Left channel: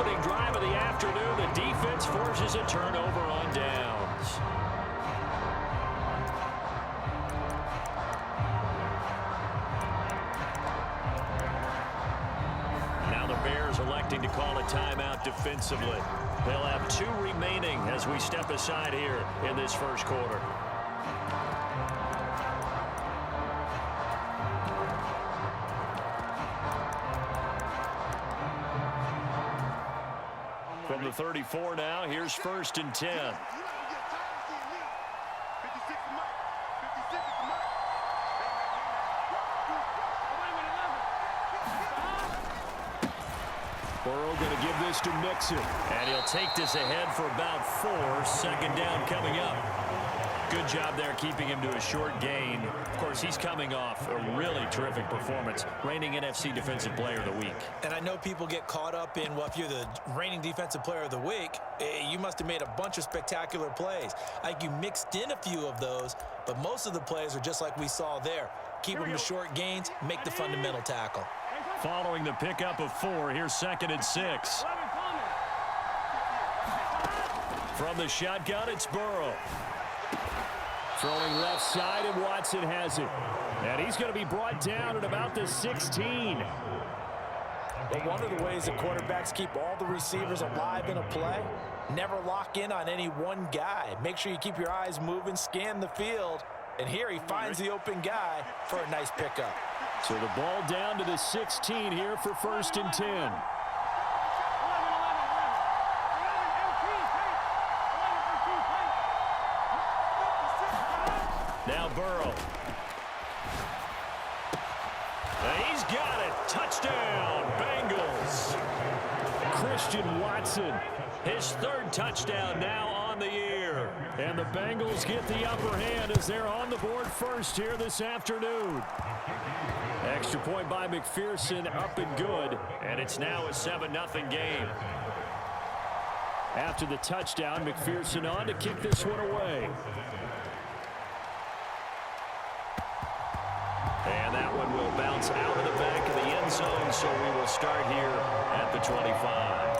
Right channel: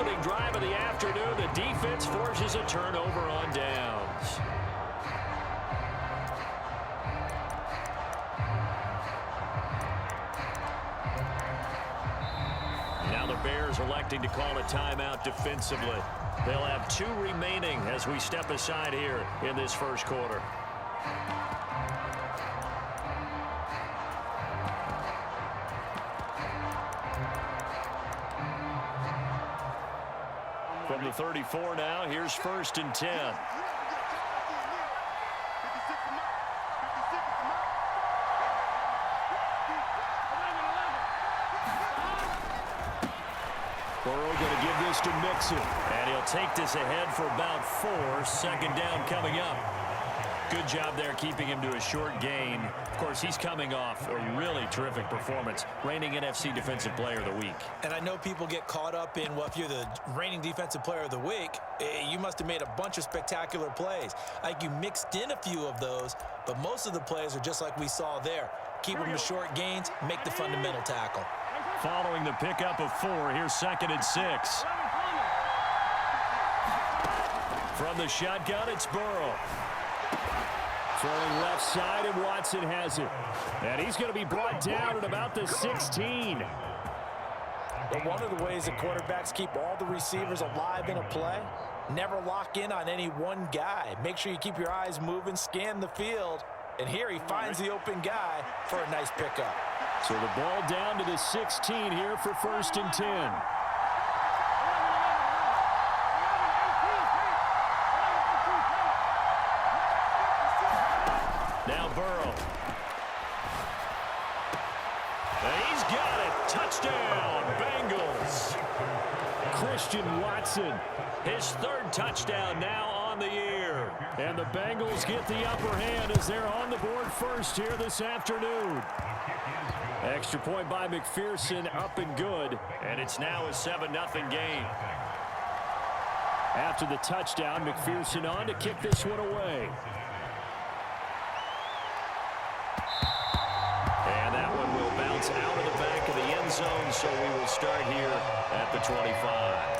opening drive of the afternoon. The defense forces a turnover on downs. Now the Bears electing to call a timeout defensively. They'll have 2 remaining as we step aside here in this first quarter. From the 34 now, here's 1st and 10. Burrow going to give this to Mixon. And he'll take this ahead for about 4. 2nd down coming up. Good job there keeping him to a short gain. Of course, he's coming off a really terrific performance. Reigning NFC Defensive Player of the Week. And I know people get caught up in, well, if you're the reigning Defensive Player of the Week, you must have made a bunch of spectacular plays. I think you mixed in a few of those, but most of the plays are just like we saw there. Keep them to short gains, make the fundamental tackle. Following the pickup of 4, here's 2nd and 6. From the shotgun, it's Burrow. Throwing left side, and Watson has it. And he's going to be brought down at about the 16. But one of the ways that quarterbacks keep all the receivers alive in a play, never lock in on any one guy. Make sure you keep your eyes moving, scan the field. And here he finds the open guy for a nice pickup. So the ball down to the 16 here for 1st and 10. Now Burrow. And he's got it. Touchdown, Bengals. Christian Watson, his 3rd touchdown now on the year. And the Bengals get the upper hand as they're on the board first here this afternoon. Extra point by McPherson, up and good. And it's now a 7-0 game. After the touchdown, McPherson on to kick this one away. And that one will bounce out of the back of the end zone, so we will start here at the 25.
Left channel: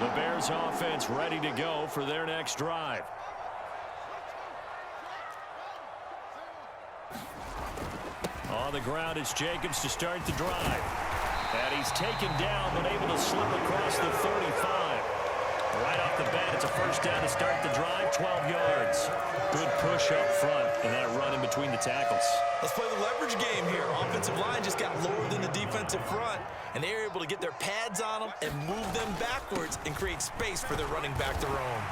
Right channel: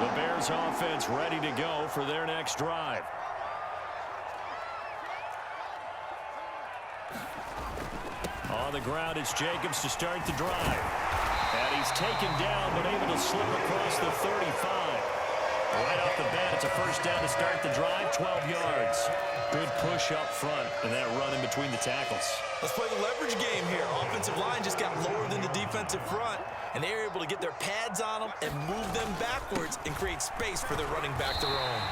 The Bears offense ready to go for their next drive. On the ground, it's Jacobs to start the drive. And he's taken down, but able to slip across the 35. Right off the bat, it's a 1st down to start the drive, 12 yards. Good push up front, and that run in between the tackles. Let's play the leverage game here. Offensive line just got lower than the defensive front, and they were able to get their pads on them and move them backwards and create space for their running back to roam.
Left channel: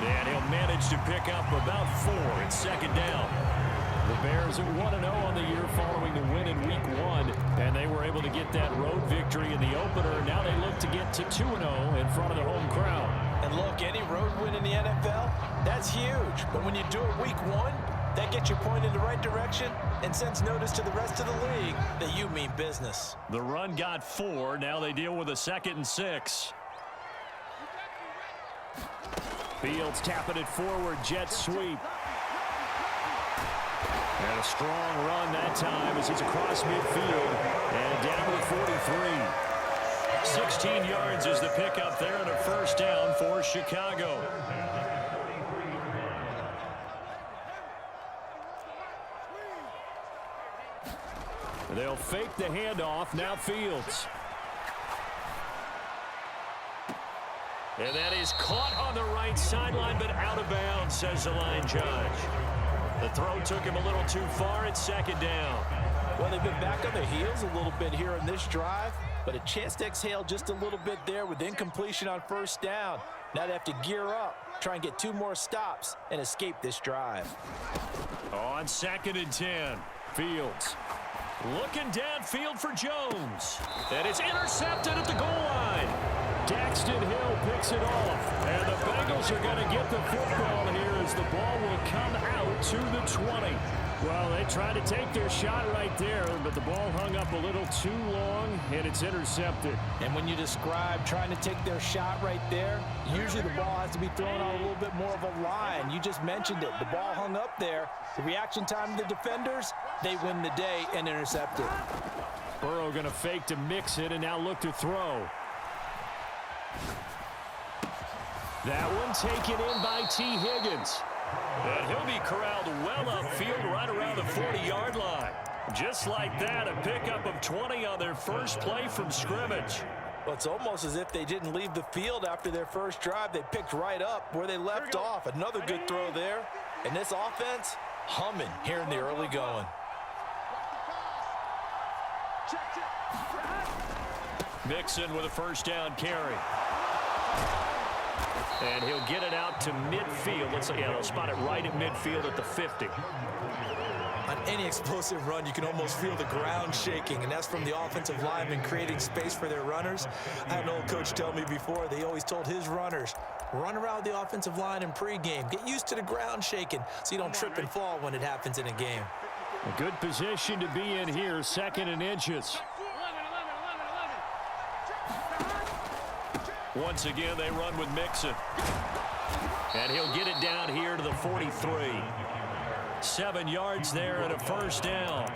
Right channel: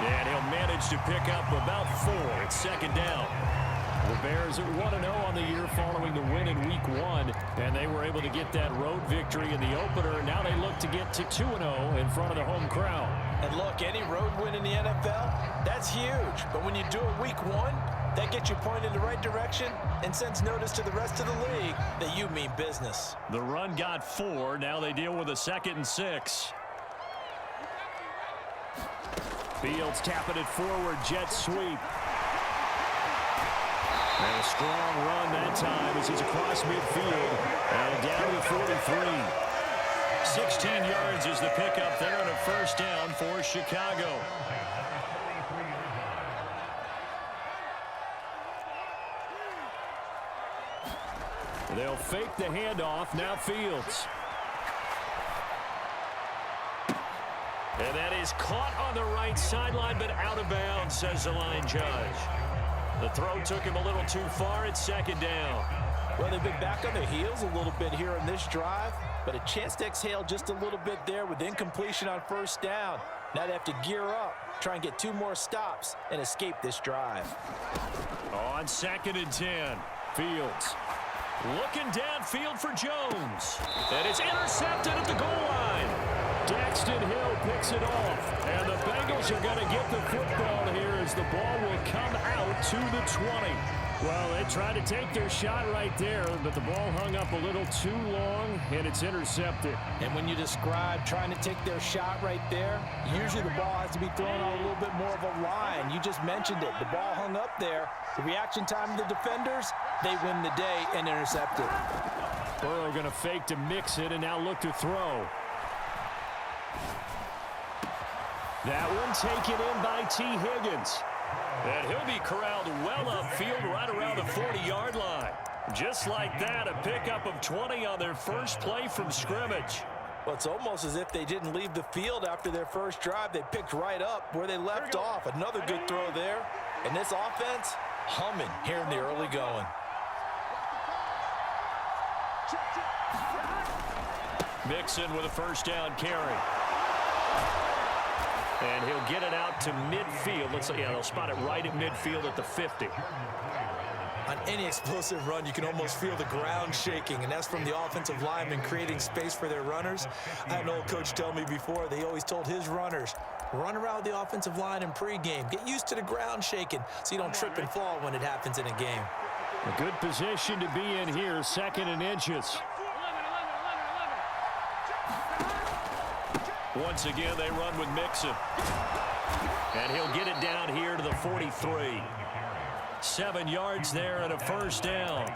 And he'll manage to pick up about 4. It's 2nd down. The Bears are 1-0 on the year following the win in Week 1, and they were able to get that road victory in the opener. Now they look to get to 2-0 in front of the home crowd. And look, any road win in the NFL, that's huge. But when you do it Week 1, that gets you pointed in the right direction and sends notice to the rest of the league that you mean business. The run got 4. Now they deal with a 2nd and 6. Fields tapping it forward, jet sweep. And a strong run that time as he's across midfield and down to the 43. 16 yards is the pickup there and a 1st down for Chicago. They'll fake the handoff. Now Fields. And that is caught on the right sideline, but out of bounds, says the line judge. The throw took him a little too far. It's 2nd down. Well, they've been back on their heels a little bit here in this drive, but a chance to exhale just a little bit there with incompletion on 1st down. Now they have to gear up, try and get 2 more stops, and escape this drive. On 2nd and 10, Fields. Looking downfield for Jones. And it's intercepted at the goal line. Daxton Hill picks it off. And the Bengals are going to get the football here as the ball will come out to the 20. Well, they tried to take their shot right there, but the ball hung up a little too long, and it's intercepted. And when you describe trying to take their shot right there, usually the ball has to be thrown on a little bit more of a line. You just mentioned it. The ball hung up there. The reaction time of the defenders, they win the day and intercept it. Burrow going to fake to mix it and now look to throw. That one taken in by T. Higgins. And he'll be corralled well upfield right around the 40-yard line. Just like that, a pickup of 20 on their first play from scrimmage. Well, it's almost as if they didn't leave the field after their first drive. They picked right up where they left off. Another good throw there. And this offense, humming here in the early going. Mixon with a first down carry. And he'll get it out to midfield. Looks like, yeah, they'll spot it right at midfield at the 50. On any explosive run, you can almost feel the ground shaking, and that's from the offensive linemen creating space for their runners. I had an old coach tell me before, they always told his runners, run around the offensive line in pregame. Get used to the ground shaking so you don't trip and fall when it happens in a game. A good position to be in here, 2nd and inches. Once again, they run with Mixon. And he'll get it down here to the 43. 7 yards there and a first down.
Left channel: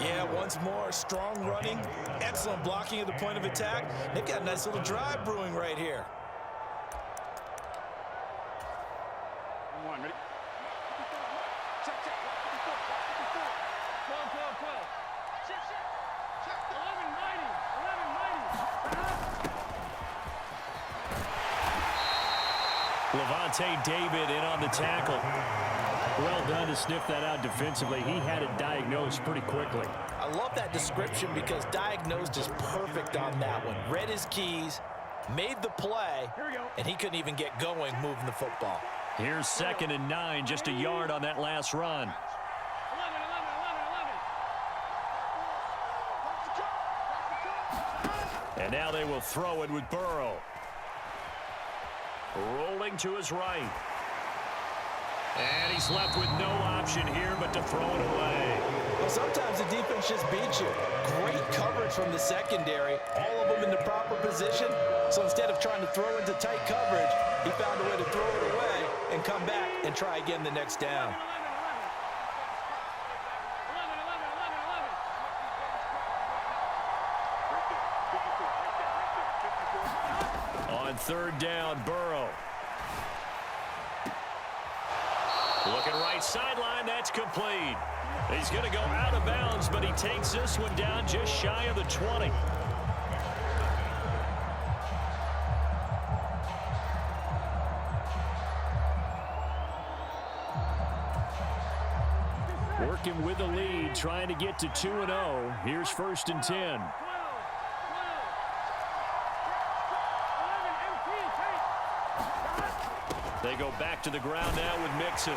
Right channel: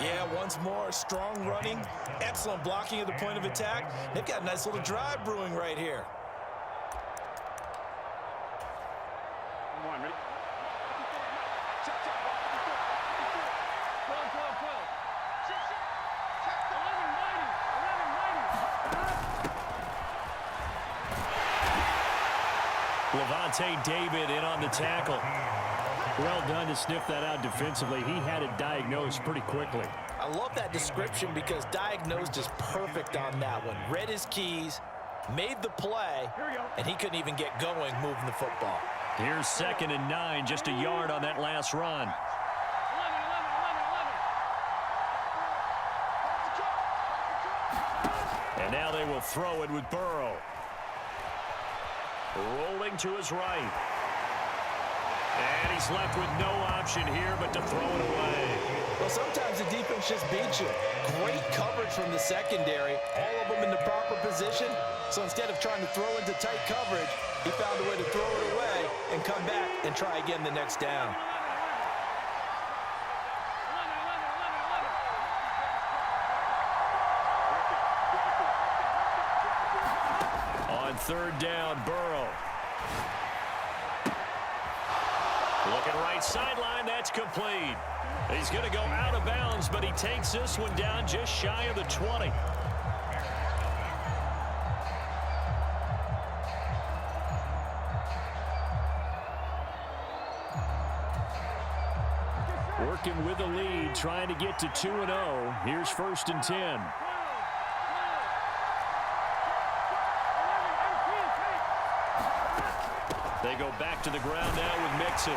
Yeah, once more, strong running, excellent blocking at the point of attack. They've got a nice little drive brewing right here. Come on, ready? 12, 12, 12. 11 mighty. Levante David in on the tackle. Well done to sniff that out defensively. He had it diagnosed pretty quickly. I love that description because diagnosed is perfect on that one. Read his keys, made the play, and he couldn't even get going moving the football. Here's 2nd and 9, just a yard on that last run. 11. And now they will throw it with Burrow. Rolling to his right. And he's left with no option here but to throw it away. Well, sometimes the defense just beats you. Great coverage from the secondary, all of them in the proper position. So instead of trying to throw into tight coverage, he found a way to throw it away and come back and try again the next down. On 3rd down, Burrow. Looking right sideline, that's complete. He's going to go out of bounds, but he takes this one down just shy of the 20. Working with the lead, trying to get to 2-0. Here's 1st and 10. They go back to the ground now with Mixon.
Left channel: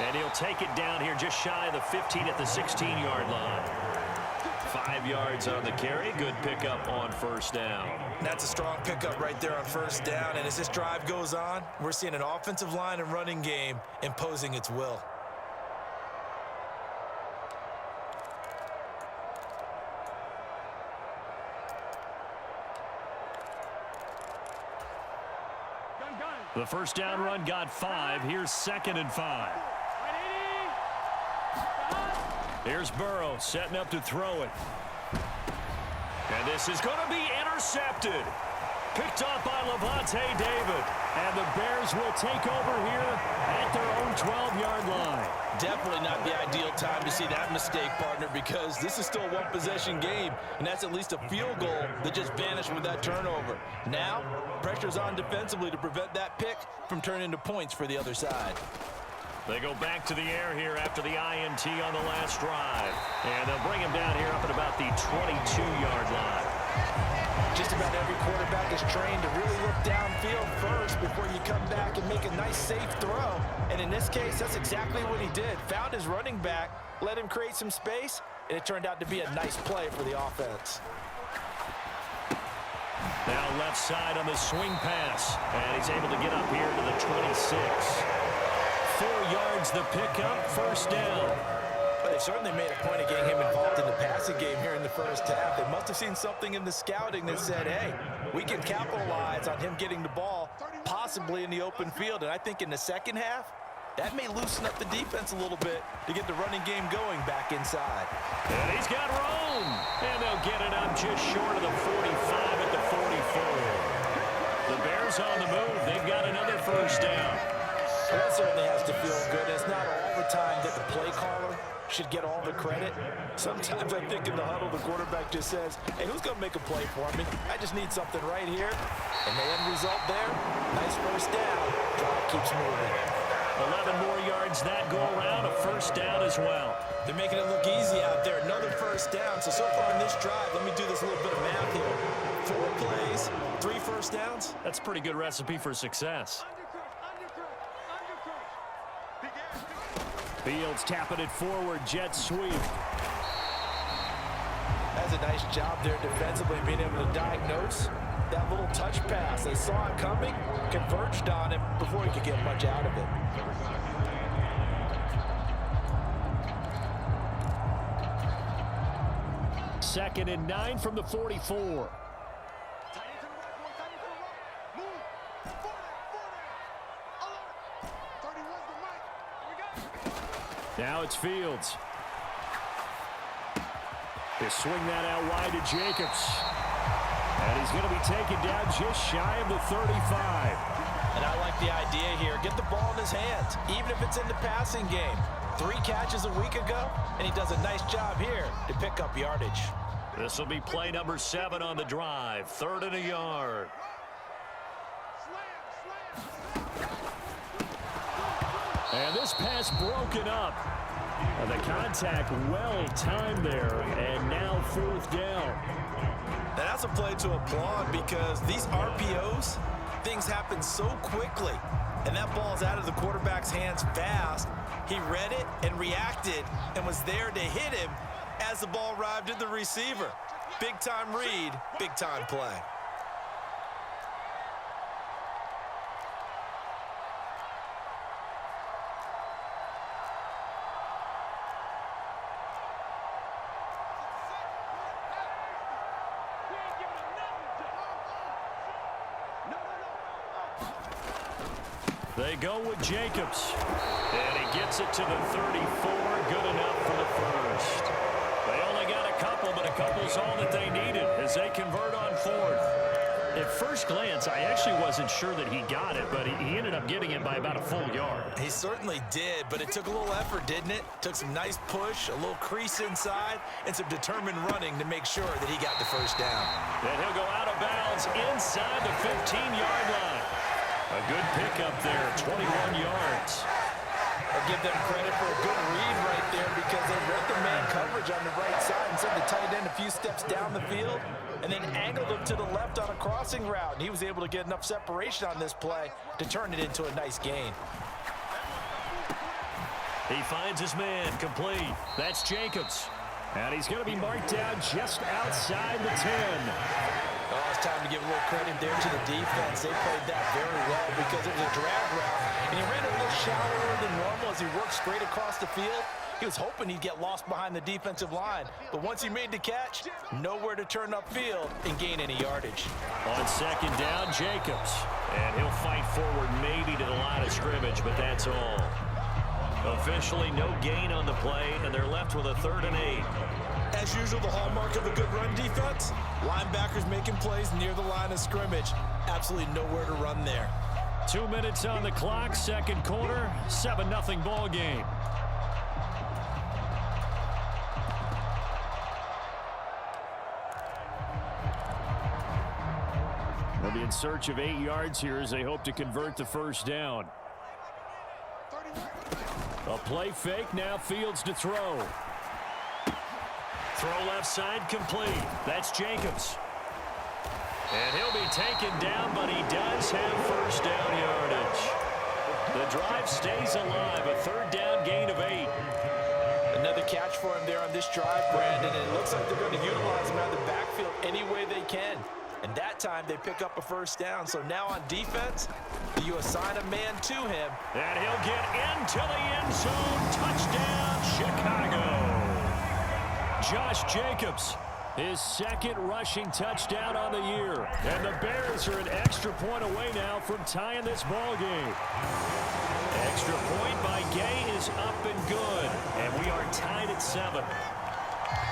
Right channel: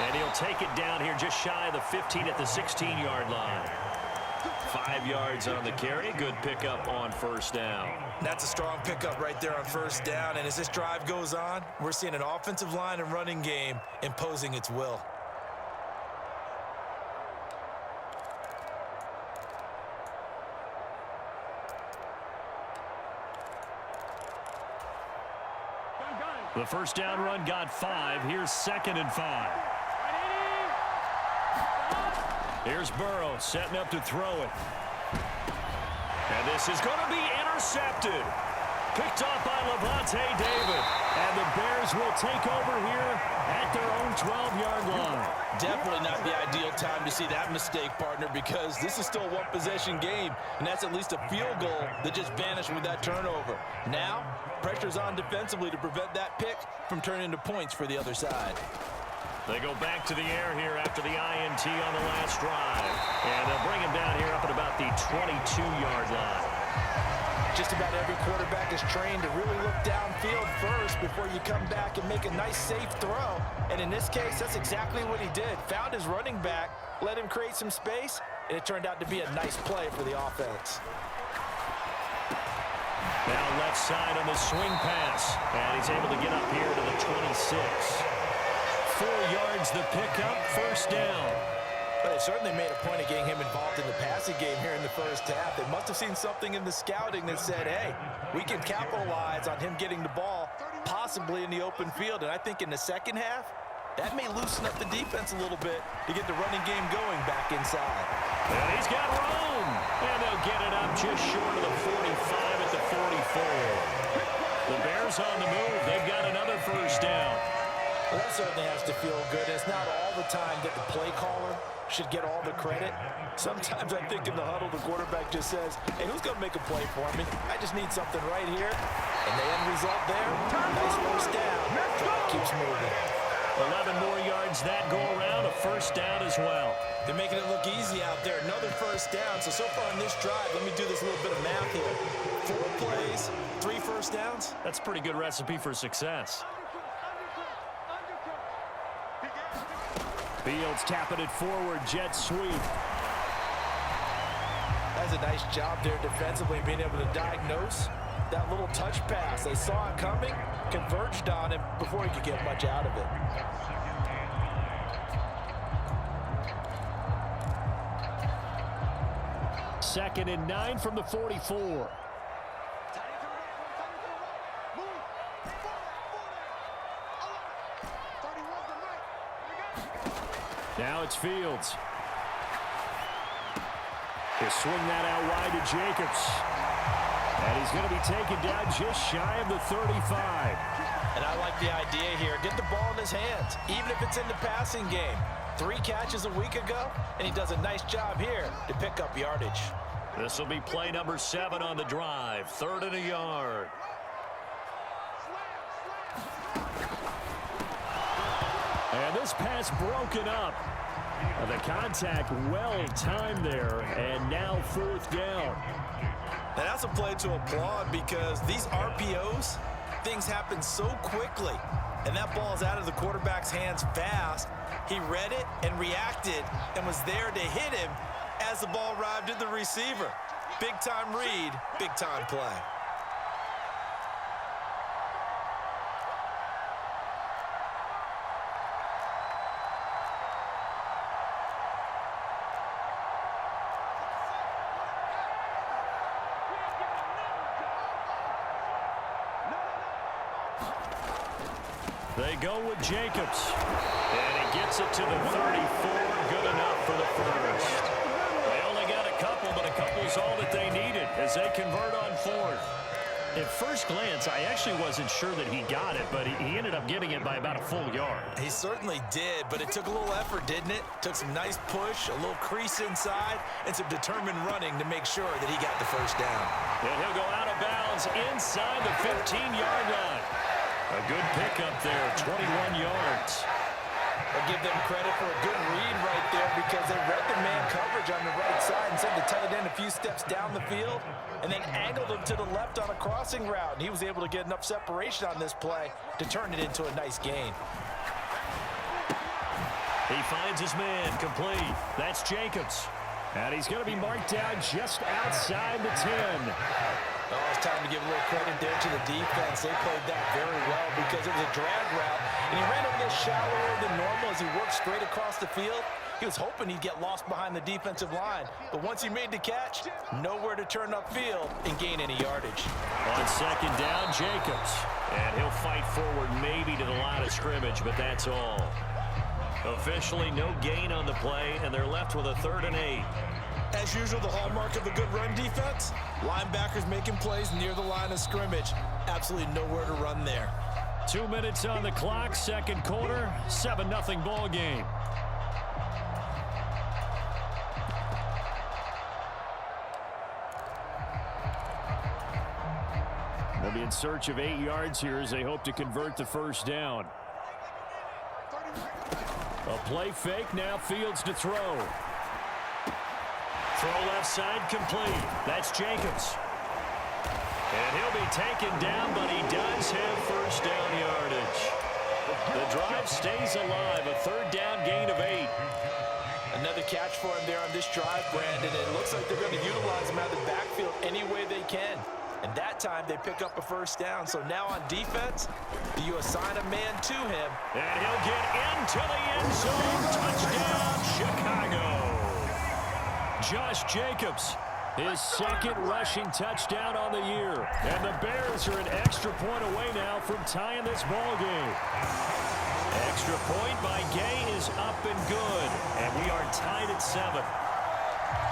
And he'll take it down here just shy of the 15 at the 16-yard line. 5 yards on the carry. Good pickup on 1st down. That's a strong pickup right there on 1st down. And as this drive goes on, we're seeing an offensive line and running game imposing its will. The 1st down run got 5. Here's 2nd and 5. Here's Burrow setting up to throw it. And this is going to be intercepted. Picked off by Levante David. And the Bears will take over here at their own 12-yard line. Definitely not the ideal time to see that mistake, partner, because this is still a one-possession game, and that's at least a field goal that just vanished with that turnover. Now, pressure's on defensively to prevent that pick from turning into points for the other side. They go back to the air here after the INT on the last drive. And they'll bring him down here up at about the 22-yard line. Just about every quarterback is trained to really look downfield first before you come back and make a nice, safe throw. And in this case, that's exactly what he did. Found his running back, let him create some space, and it turned out to be a nice play for the offense. Now left side on the swing pass. And he's able to get up here to the 26. 4 yards the pickup, first down. But they certainly made a point of getting him involved in the passing game here in the first half. They must have seen something in the scouting that said, hey, we can capitalize on him getting the ball, possibly in the open field. And I think in the second half, that may loosen up the defense a little bit to get the running game going back inside. And he's got room. And they'll get it up just short of the 45 at the 44. The Bears on the move. They've got another first down. Well, that certainly has to feel good. It's not all the time that the play caller should get all the credit. Sometimes I think in the huddle, the quarterback just says, hey, who's going to make a play for me? I just need something right here. And the end result there, nice first down. Drive keeps moving. 11 more yards that go around, a first down as well. They're making it look easy out there. Another first down. So far in this drive, let me do this little bit of math here. 4 plays, 3 first downs. That's a pretty good recipe for success. Fields tapping it forward, jet sweep. That's a nice job there defensively, being able to diagnose that little touch pass. They saw it coming, converged on him before he could get much out of it. Second and 9 from the 44. Now it's Fields. He'll swing that out wide to Jacobs. And he's going to be taken down just shy of the 35. And I like the idea here. Get the ball in his hands, even if it's in the passing game. 3 catches a week ago, and he does a nice job here to pick up yardage. This will be play number 7 on the drive. 3rd and a yard. And this pass broken up. The contact well timed there, and now 4th down. Now that's a play to applaud because these RPOs, things happen so quickly. And that ball's out of the quarterback's hands fast. He read it and reacted and was there to hit him as the ball arrived at the receiver. Big time read, big time play. They go with Jacobs. And he gets it to the 34. Good enough for the first. They only got a couple, but a couple's all that they needed as they convert on 4th. At first glance, I actually wasn't sure that he got it, but he ended up getting it by about a full yard. He certainly did, but it took a little effort, didn't it? Took some nice push, a little crease inside, and some determined running to make sure that he got the first down. And he'll go out of bounds inside the 15-yard line. A good pickup there, 21 yards. I'll give them credit for a good read right there because they read the man coverage on the right side and sent the tight end a few steps down the field and then angled him to the left on a crossing route. And he was able to get enough separation on this play to turn it into a nice gain. He finds his man complete. That's Jacobs. And he's going to be marked down just outside the 10. Oh, it's time to give a little credit there to the defense. They played that very well because it was a drag route, and he ran a little shallower than normal as he worked straight across the field. He was hoping he'd get lost behind the defensive line, but once he made the catch, nowhere to turn upfield and gain any yardage. On 2nd down, Jacobs. And he'll fight forward maybe to the line of scrimmage, but that's all. Officially no gain on the play, and they're left with a 3rd and 8. As usual, the hallmark of a good run defense, linebackers making plays near the line of scrimmage. Absolutely nowhere to run there. 2 minutes on the clock, 2nd quarter, 7-0 ball game. They'll be in search of 8 yards here as they hope to convert the first down. A play fake, now Fields to throw. Throw left side complete. That's Jacobs. And he'll be taken down, but he does have first down yardage. The drive stays alive, a 3rd down gain of 8. Another catch for him there on this drive, Brandon. It looks like they're going to utilize him out of the backfield any way they can. And that time they pick up a first down. So now on defense, do you assign a man to him? And he'll get into the end zone. Touchdown, Chicago. Josh Jacobs, his second rushing touchdown on the year. And the Bears are an extra point away now from tying this ball game. Extra point by Gay is up and good. And we are tied at 7.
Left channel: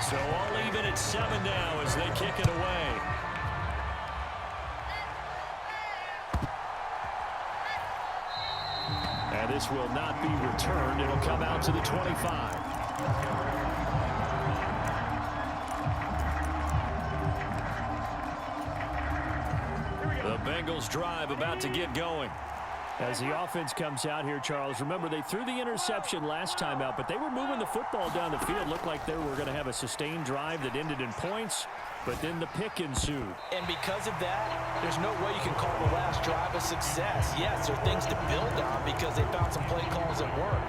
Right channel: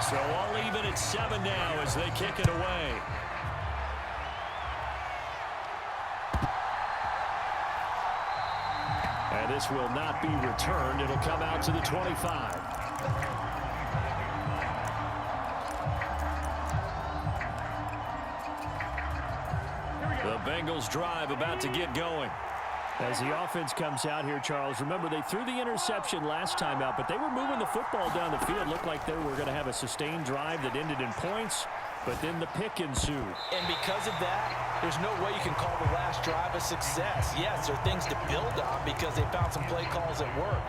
So all even at 7 now as they kick it away. And this will not be returned. It'll come out to the 25. The Bengals drive about to get going. As the offense comes out here, Charles, remember they threw the interception last time out, but they were moving the football down the field. Looked like they were going to have a sustained drive that ended in points, but then the pick ensued. And because of that, there's no way you can call the last drive a success. Yes, there are things to build on because they found some play calls that work.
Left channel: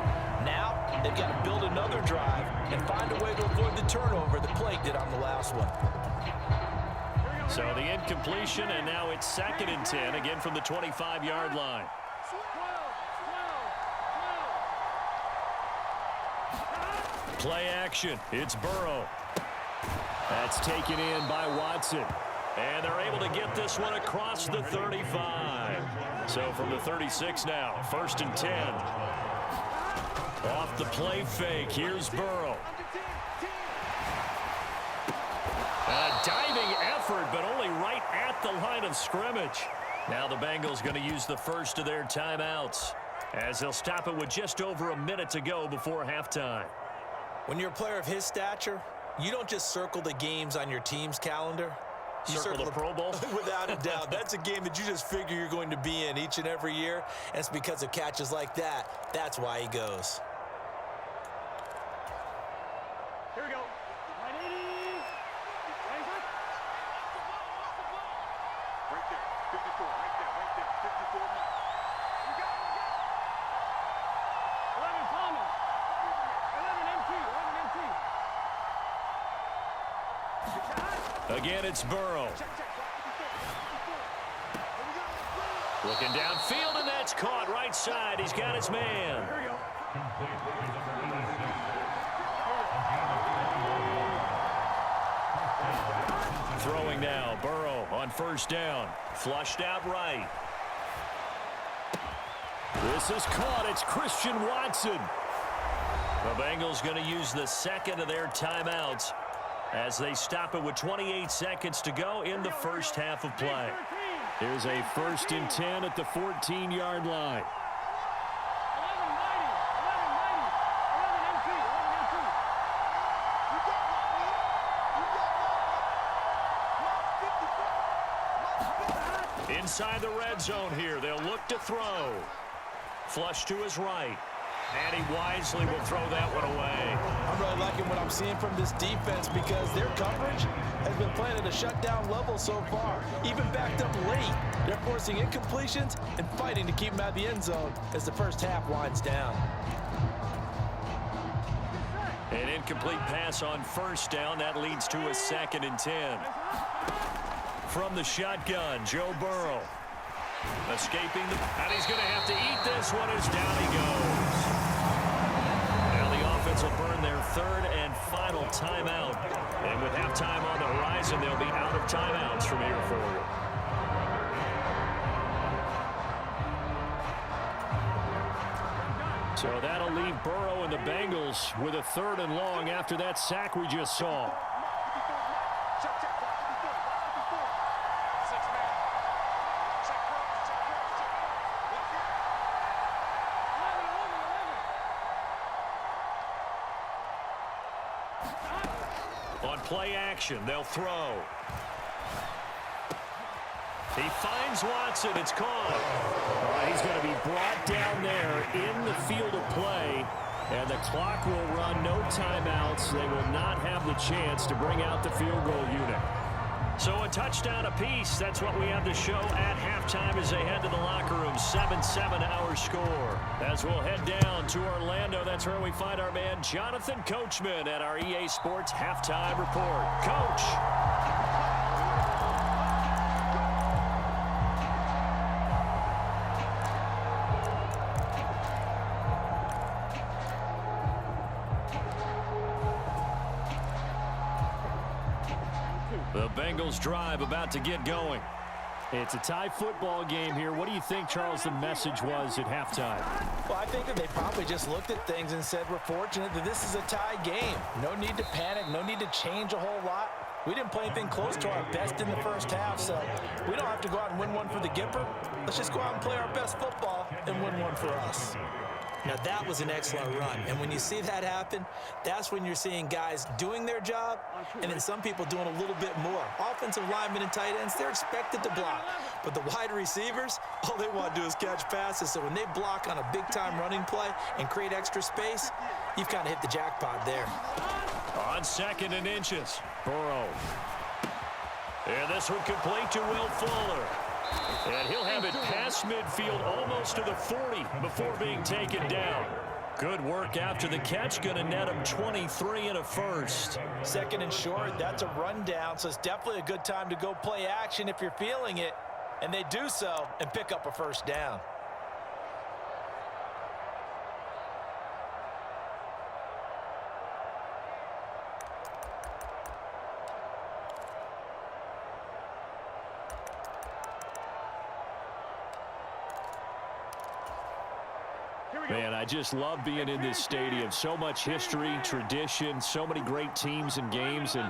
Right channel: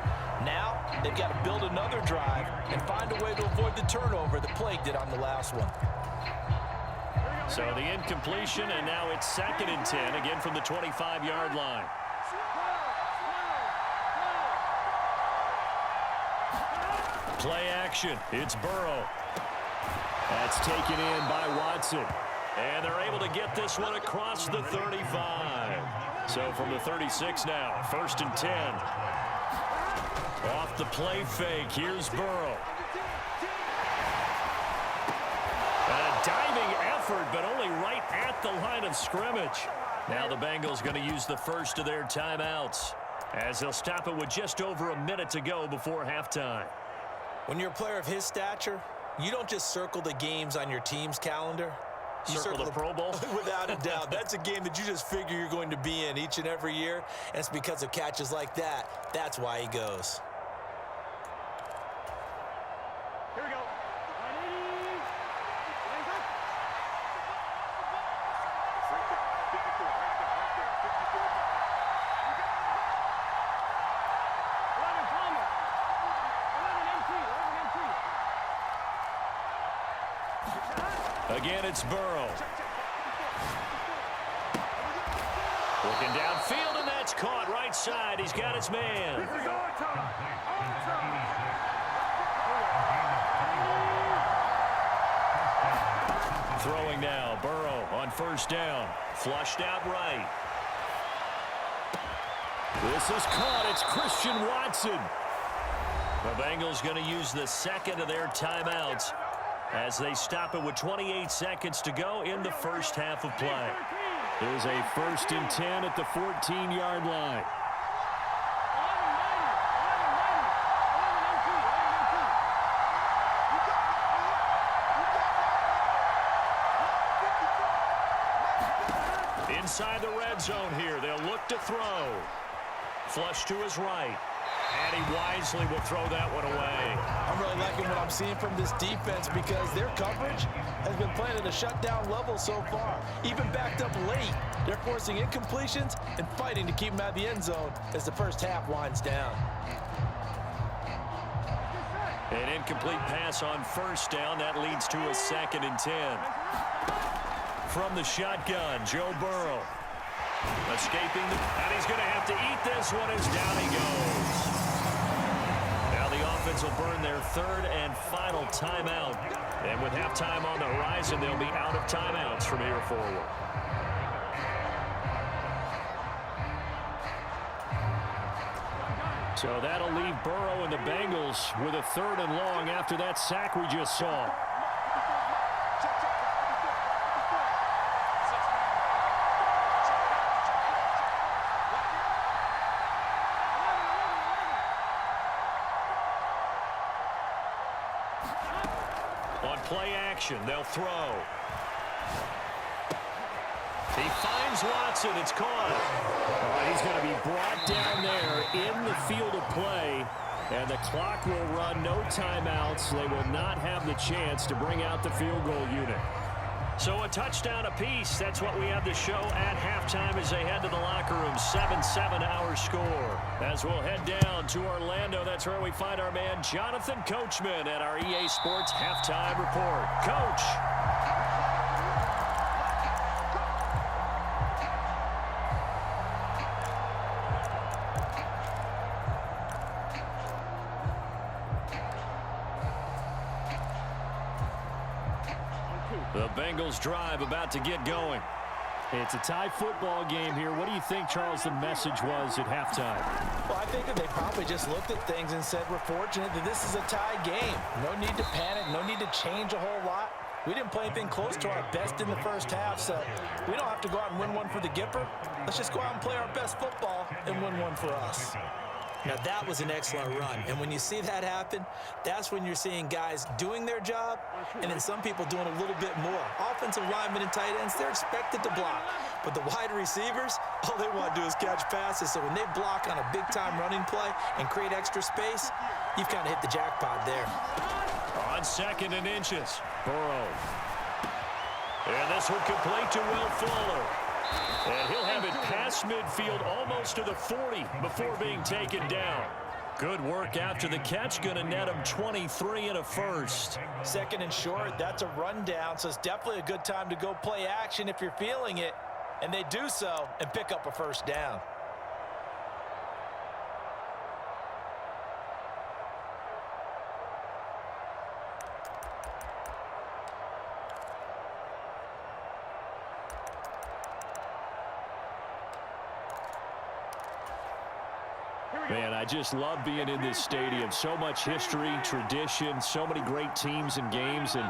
Now, they've got to build another drive and find a way to avoid the turnover that plagued it on the last one. So the incompletion, and now it's 2nd and 10, again from the 25-yard line. Play action. It's Burrow. That's taken in by Watson. And they're able to get this one across the 35. So from the 36 now, 1st and 10. Off the play fake, here's Burrow. A diving effort, but only right at the line of scrimmage. Now the Bengals going to use the first of their timeouts, as they'll stop it with just over a minute to go before halftime. When you're a player of his stature, you don't just circle the games on your team's calendar. You circle the Pro Bowl? Without a doubt. That's a game that you just figure you're going to be in each and every year. And it's because of catches like that. That's why he goes. Here we go. 180. Right there. 54. Right there. Right there. 54. You got it. 11 Thomas. 11 MT. 11 MT. Again, it's Burrow. Looking downfield, and that's caught right side. He's got his man. Throwing now, Burrow on 1st down. Flushed out right. This is caught. It's Christian Watson. The Bengals going to use the 2nd of their timeouts as they stop it with 28 seconds to go in the first half of play. Here's a 1st and 10 at the 14-yard line. 11 inside the red zone here. They'll look to throw. Flush to his right. And he wisely will throw that one away. I'm really liking what I'm seeing from this defense because their coverage has been playing at a shutdown level so far. Even backed up late, they're forcing incompletions and fighting to keep them out of the end zone as the first half winds down. An incomplete pass on 1st down. That leads to a 2nd and 10. From the shotgun, Joe Burrow. Escaping and he's going to have to eat this one as down he goes. Now the offense will burn their 3rd and final timeout. And with halftime on the horizon, they'll be out of timeouts from here forward. So that'll leave Burrow and the Bengals with a 3rd and long after that sack we just saw. On play action, they'll throw. He finds Watson. It's caught. All right, he's going to be brought down there in the field of play, and the clock will run. No timeouts. They will not have the chance to bring out the field goal unit. So a touchdown apiece. That's what we have to show at halftime as they head to the locker room. 7-7 our score. As we'll head down to Orlando, that's where we find our man Jonathan Coachman at our EA Sports Halftime Report. Coach. The Bengals drive about to get going. It's a tie football game here. What do you think, Charles, the message was at halftime? Well, I think that they probably just looked at things and said, we're fortunate that this is a tie game. No need to panic. No need to change a whole lot. We didn't play anything close to our best in the first half, so we don't have to go out and win one for the Gipper. Let's just go out and play our best football and win one for us. Now, that was an excellent run, and when you see that happen, that's when you're seeing guys doing their job and then some people doing a little bit more. Offensive linemen and tight ends, they're expected to block, but the wide receivers, all they want to do is catch passes, so when they block on a big-time running play and create extra space, you've kind of hit the jackpot there. On 2nd and inches, Burrow. And this one complete to Will Fuller. And he'll have it past midfield almost to the 40 before being taken down. Good work after the catch. Going to net him 23 and a first. 2nd and short, that's a rundown, so it's definitely a good time to go play action if you're feeling it. And they do so and pick up a first down. Man, I just love being in this stadium. So much history, tradition, so many great teams and games, and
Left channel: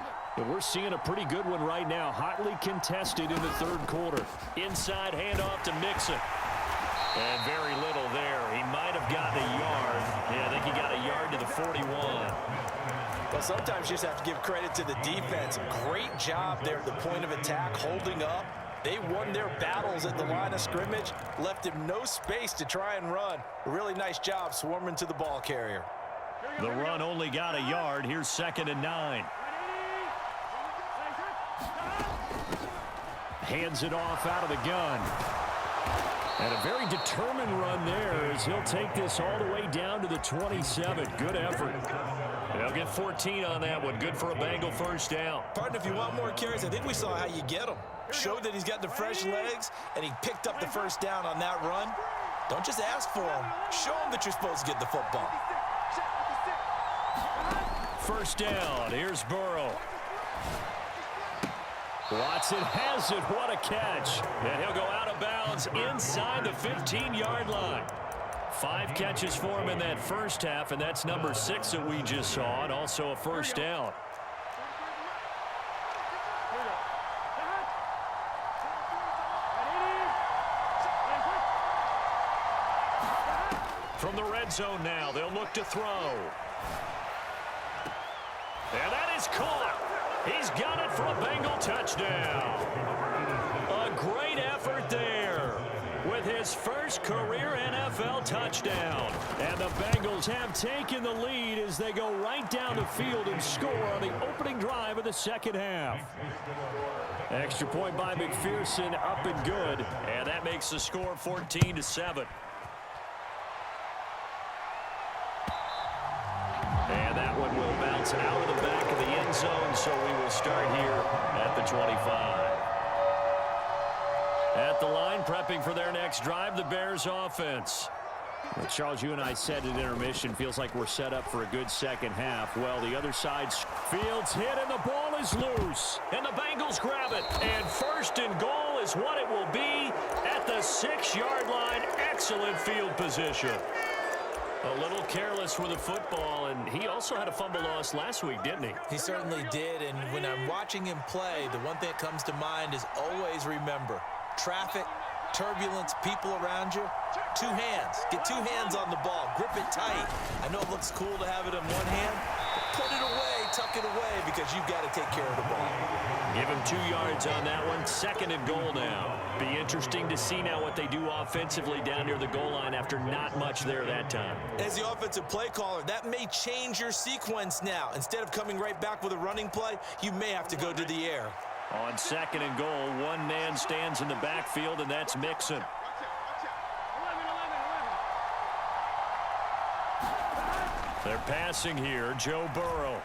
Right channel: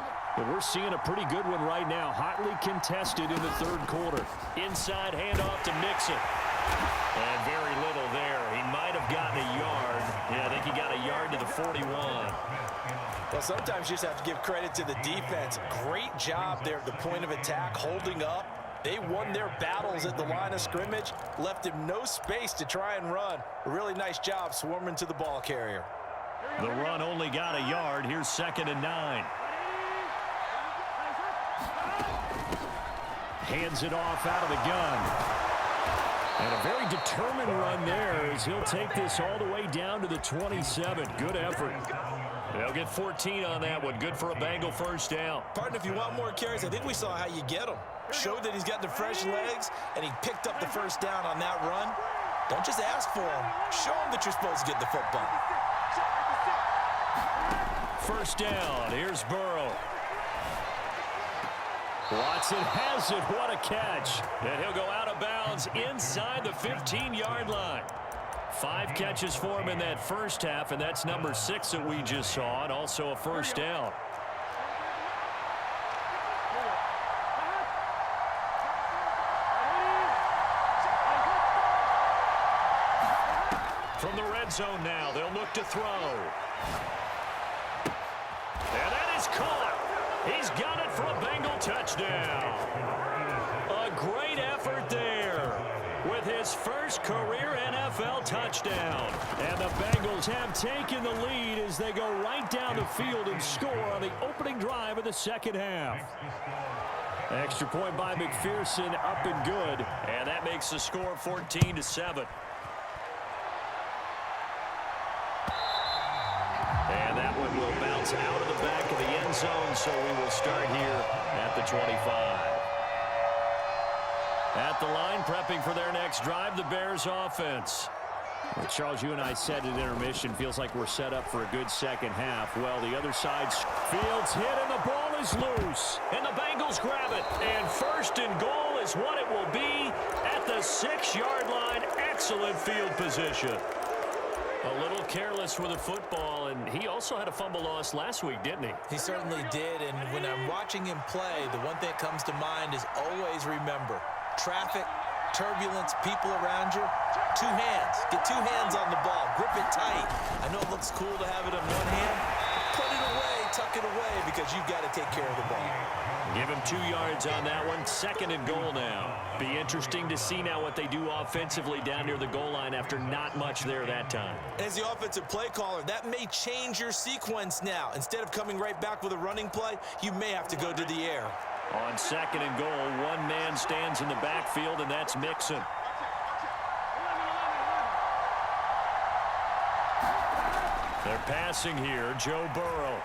we're seeing a pretty good one right now. Hotly contested in the 3rd quarter. Inside handoff to Mixon. And very little there. He might have gotten a yard. Yeah, I think he got a yard to the 41. Well, sometimes you just have to give credit to the defense. Great job there at the point of attack, holding up. They won their battles at the line of scrimmage, left him no space to try and run. A really nice job swarming to the ball carrier. The run only got a yard. Here's 2nd and 9. Hands it off out of the gun. And a very determined run there as he'll take this all the way down to the 27. Good effort. They'll get 14 on that one. Good for a Bengal first down. Partner, if you want more carries, I think we saw how you get them. Showed that he's got the fresh legs, and he picked up the first down on that run. Don't just ask for him. Show him that you're supposed to get the football. First down. Here's Burrow. Watson has it. What a catch. And he'll go out of bounds inside the 15-yard line. 5 catches for him in that first half, and that's number 6 that we just saw, and also a first down. From the red zone now, they'll look to throw. And that is caught. He's got it for a Bengal touchdown. A great effort there with his first career NFL touchdown. And the Bengals have taken the lead as they go right down the field and score on the opening drive of the 2nd half. Extra point by McPherson, up and good. And that makes the score 14-7. And that one will bounce out of the back of the end zone, so we will start here at the 25. At the line, prepping for their next drive, the Bears offense. Well, Charles, you and I said at intermission, feels like we're set up for a good second half. Well, the other side, Fields hit, and the ball is loose. And the Bengals grab it. And 1st and goal is what it will be at the 6-yard line. Excellent field position. A little careless with the football, and he also had a fumble loss last week, didn't he? He certainly did, and when I'm watching him play, the one thing that comes to mind is always remember, traffic, turbulence, people around you, 2 hands. Get 2 hands on the ball. Grip it tight. I know it looks cool to have it in one hand. Put it away, tuck it away, because you've got to take care of the ball. Give him 2 yards on that one. 2nd and goal now. Be interesting to see now what they do offensively down near the goal line after not much there that time. As the offensive play caller, that may change your sequence now. Instead of coming right back with a running play, you may have to go to the air. On 2nd and goal, 1 man stands in the backfield, and that's Mixon. They're passing here. Joe Burrow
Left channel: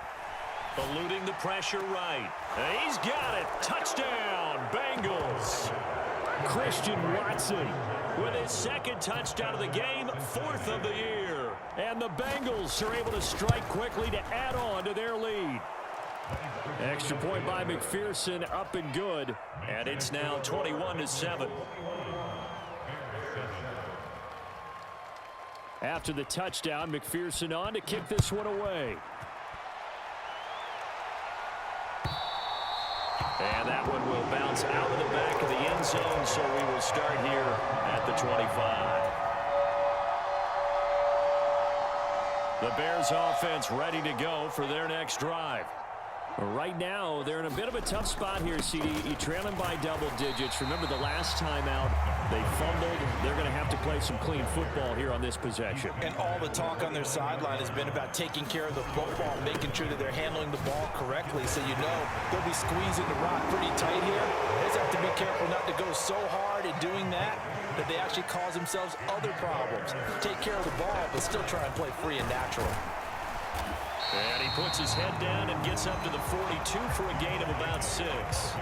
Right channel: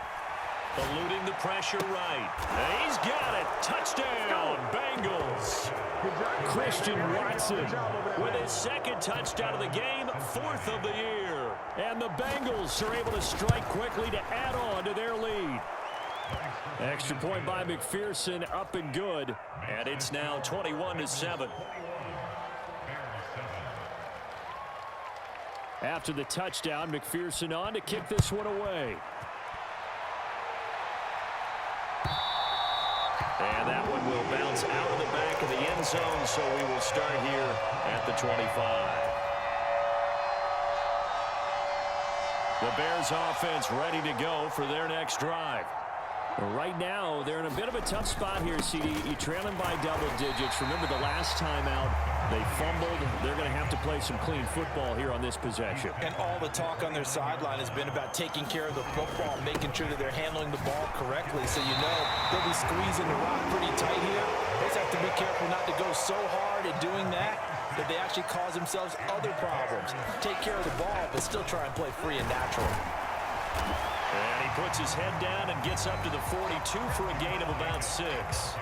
eluding the pressure right. He's got it. Touchdown, Bengals. Christian Watson with his 2nd touchdown of the game, 4th of the year. And the Bengals are able to strike quickly to add on to their lead. Extra point by McPherson, up and good. And it's now 21-7. After the touchdown, McPherson on to kick this one away. And that one will bounce out of the back of the end zone, so we will start here at the 25. The Bears offense ready to go for their next drive. Right now, they're in a bit of a tough spot here, CD. You trail them by double digits. Remember the last time out, they fumbled. They're going to have to play some clean football here on this possession. And all the talk on their sideline has been about taking care of the football, making sure that they're handling the ball correctly. So you know they'll be squeezing the rock pretty tight here. They just have to be careful not to go so hard at doing that they actually cause themselves other problems. Take care of the ball, but still try and play free and natural. And he puts his head down and gets up to the 42 for a gain of about 6.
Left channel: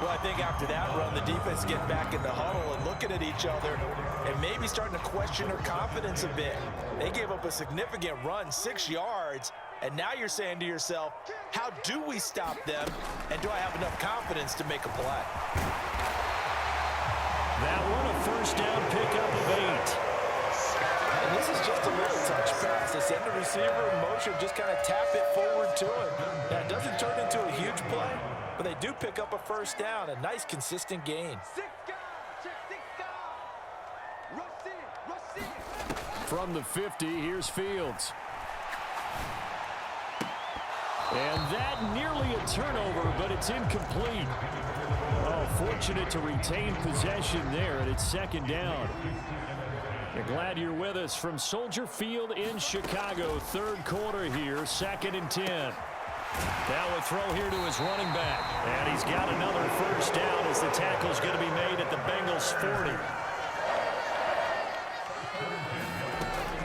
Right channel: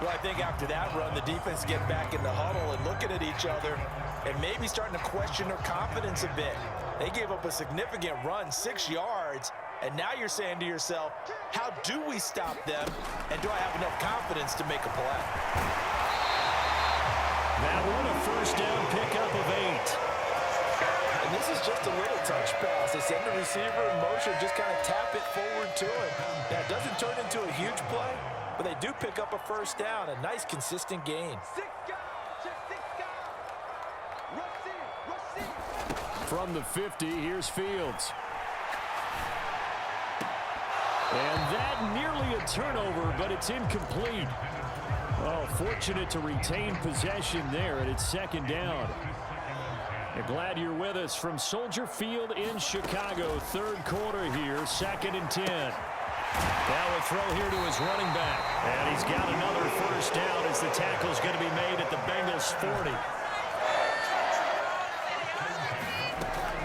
Well, I think after that run, the defense get back in the huddle and looking at each other and maybe starting to question their confidence a bit. They gave up a significant run, 6 yards, and now you're saying to yourself, how do we stop them, and do I have enough confidence to make a play? That one, a first down pickup of 8. And this is just a little touch pass. They send the receiver in motion, just kind of tap it forward to him. Now, it doesn't turn into a huge play, but they do pick up a first down, a nice, consistent gain. From the 50, here's Fields. And that nearly a turnover, but it's incomplete. Oh, fortunate to retain possession there, and it's second down. You're glad you're with us from Soldier Field in Chicago. Third quarter here, 2nd and 10. Now a throw here to his running back. And he's got another first down as the tackle's going to be made at the Bengals 40.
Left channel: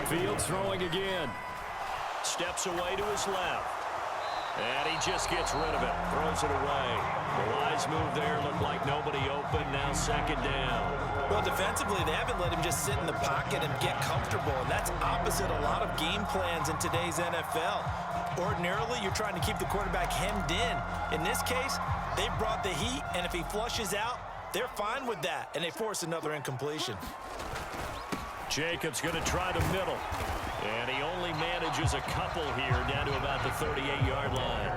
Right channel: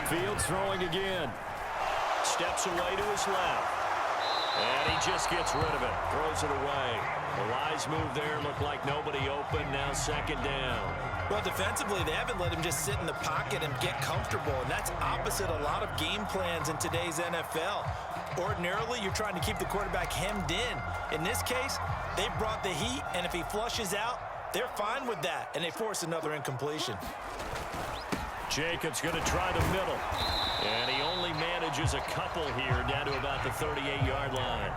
Fields throwing again. Steps away to his left. And he just gets rid of it. Throws it away. The wise move there. Looked like nobody open. Now second down. Well, defensively, they haven't let him just sit in the pocket and get comfortable, and that's opposite a lot of game plans in today's NFL. Ordinarily, you're trying to keep the quarterback hemmed in. In this case, they brought the heat, and if he flushes out, they're fine with that, and they force another incompletion. Jacobs going to try the middle, and he only manages a couple here down to about the 38-yard line.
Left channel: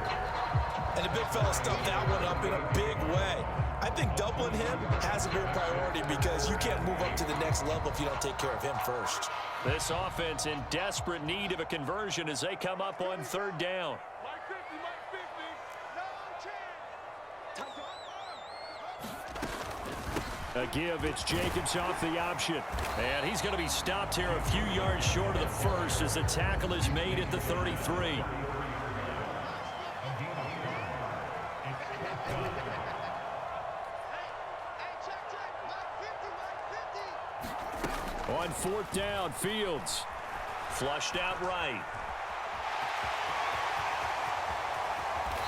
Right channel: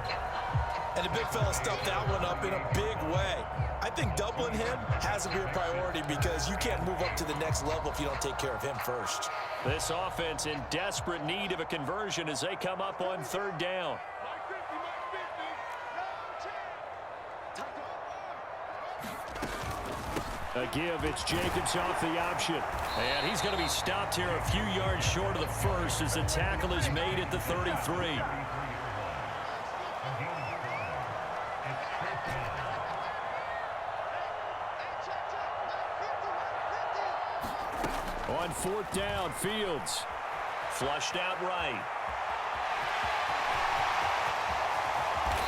And the big fella stuffed that one up in a big way. I think doubling him has to be a priority because you can't move up to the next level if you don't take care of him first. This offense in desperate need of a conversion as they come up on third down. A give, it's Jacobs off the option. And he's going to be stopped here a few yards short of the first as the tackle is made at the 33. On fourth down, Fields. Flushed out right.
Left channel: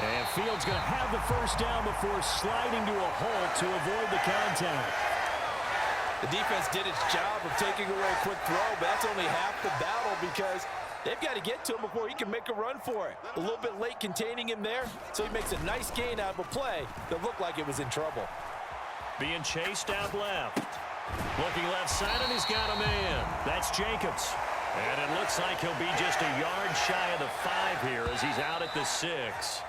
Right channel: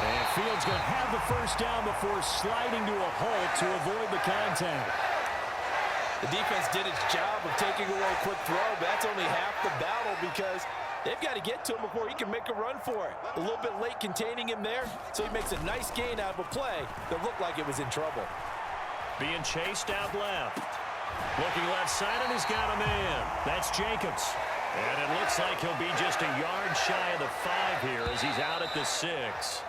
And Fields going to have the first down before sliding to a halt to avoid the contact. The defense did its job of taking away a quick throw, but that's only half the battle because they've got to get to him before he can make a run for it. A little bit late containing him there, so he makes a nice gain out of a play that looked like it was in trouble. Being chased out left. Looking left side, and he's got a man. That's Jacobs. And it looks like he'll be just a yard shy of the 5 here as he's out at the 6.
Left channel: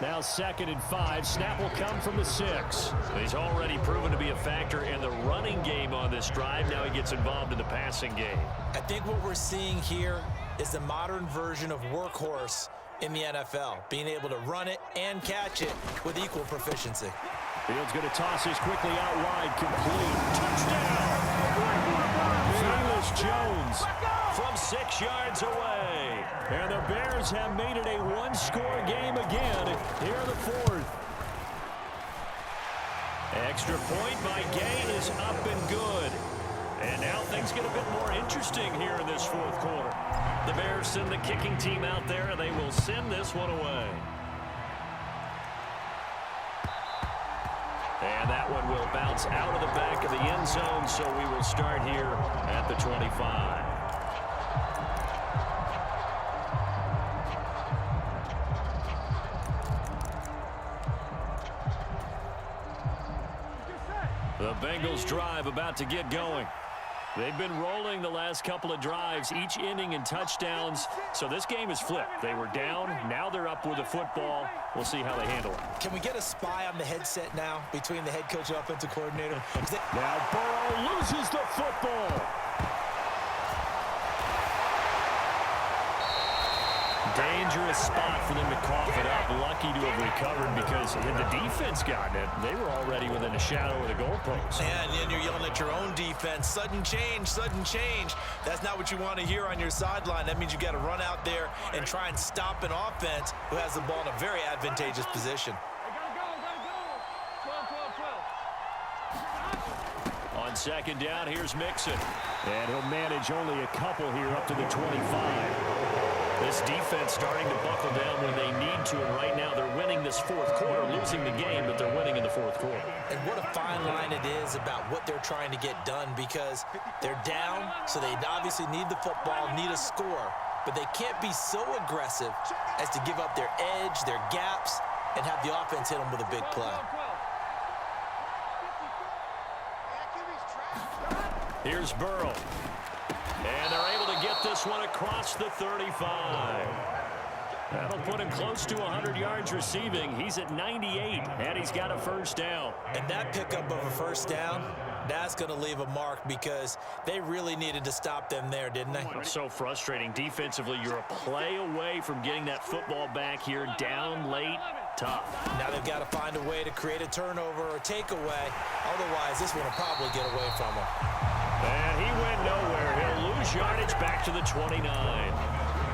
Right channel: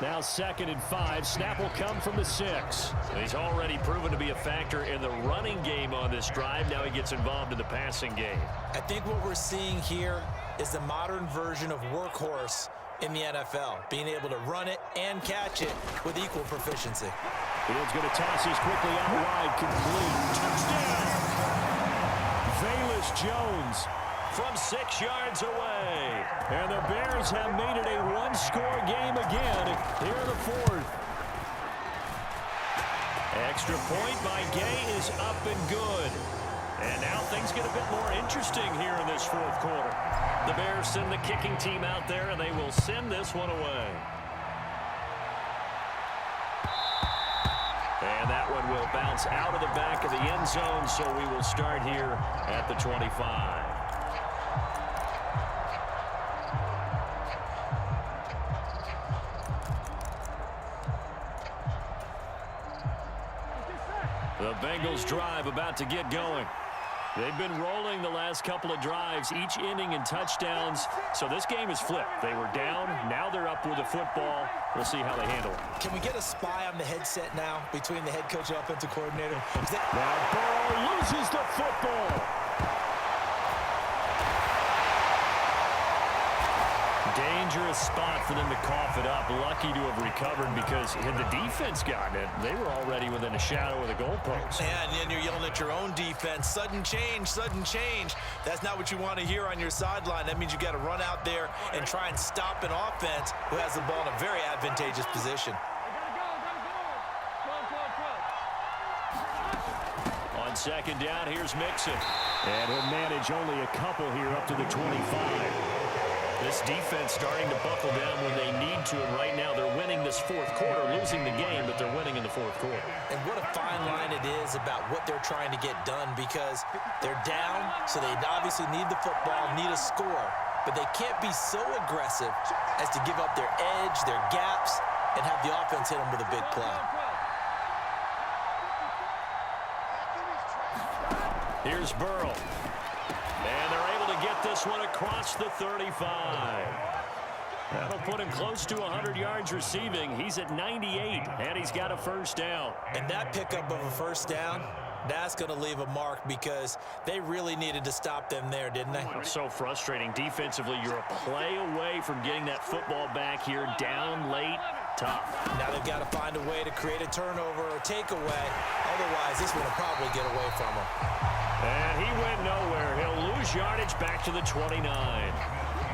Now 2nd and 5. Snap will come from the 6. He's already proven to be a factor in the running game on this drive. Now he gets involved in the passing game. I think what we're seeing here is the modern version of workhorse in the NFL, being able to run it and catch it with equal proficiency. Fields going to toss this quickly out wide, complete. Touchdown! Velus Jones from 6 yards away. And the Bears have made it a one-score game again here in the 4th. Extra point by Gay is up and good. And now things get a bit more interesting here in this 4th quarter. The Bears send the kicking team out there, and they will send this one away. And that one will bounce out of the back of the end zone, so we will start here at the 25. The Bengals drive about to get going. They've been rolling the last couple of drives, each inning in touchdowns. So this game is flipped. They were down. Now they're up with the football. We'll see how they handle it. Can we get a spy on the headset now between the head coach and offensive coordinator? Now Burrow loses the football. Dangerous spot for them to cough it up. Lucky to have recovered because had the defense gotten it, they were already within a shadow of the goalpost. And then you're yelling at your own defense. Sudden change, sudden change. That's not what you want to hear on your sideline. That means you got to run out there and try and stop an offense who has the ball in a very advantageous position. On second down, here's Mixon. And he'll manage only a couple here up to the 25. This defense starting to buckle down when they need to, and right now they're winning this fourth quarter, losing the game, but they're winning in the fourth quarter. And what a fine line it is about what they're trying to get done, because they're down, so they obviously need the football, need a score, but they can't be so aggressive as to give up their edge, their gaps, and have the offense hit them with a big play. Here's Burrow. And they're able to get this one across the 35. That'll put him close to 100 yards receiving. He's at 98, and he's got a first down. And that pickup of a first down, that's going to leave a mark because they really needed to stop them there, didn't they? So frustrating. Defensively, you're a play away from getting that football back here. Down late, tough. Now they've got to find a way to create a turnover or takeaway. Otherwise, this one will probably get away from them. And he went nowhere. He'll lose yardage back to the 29.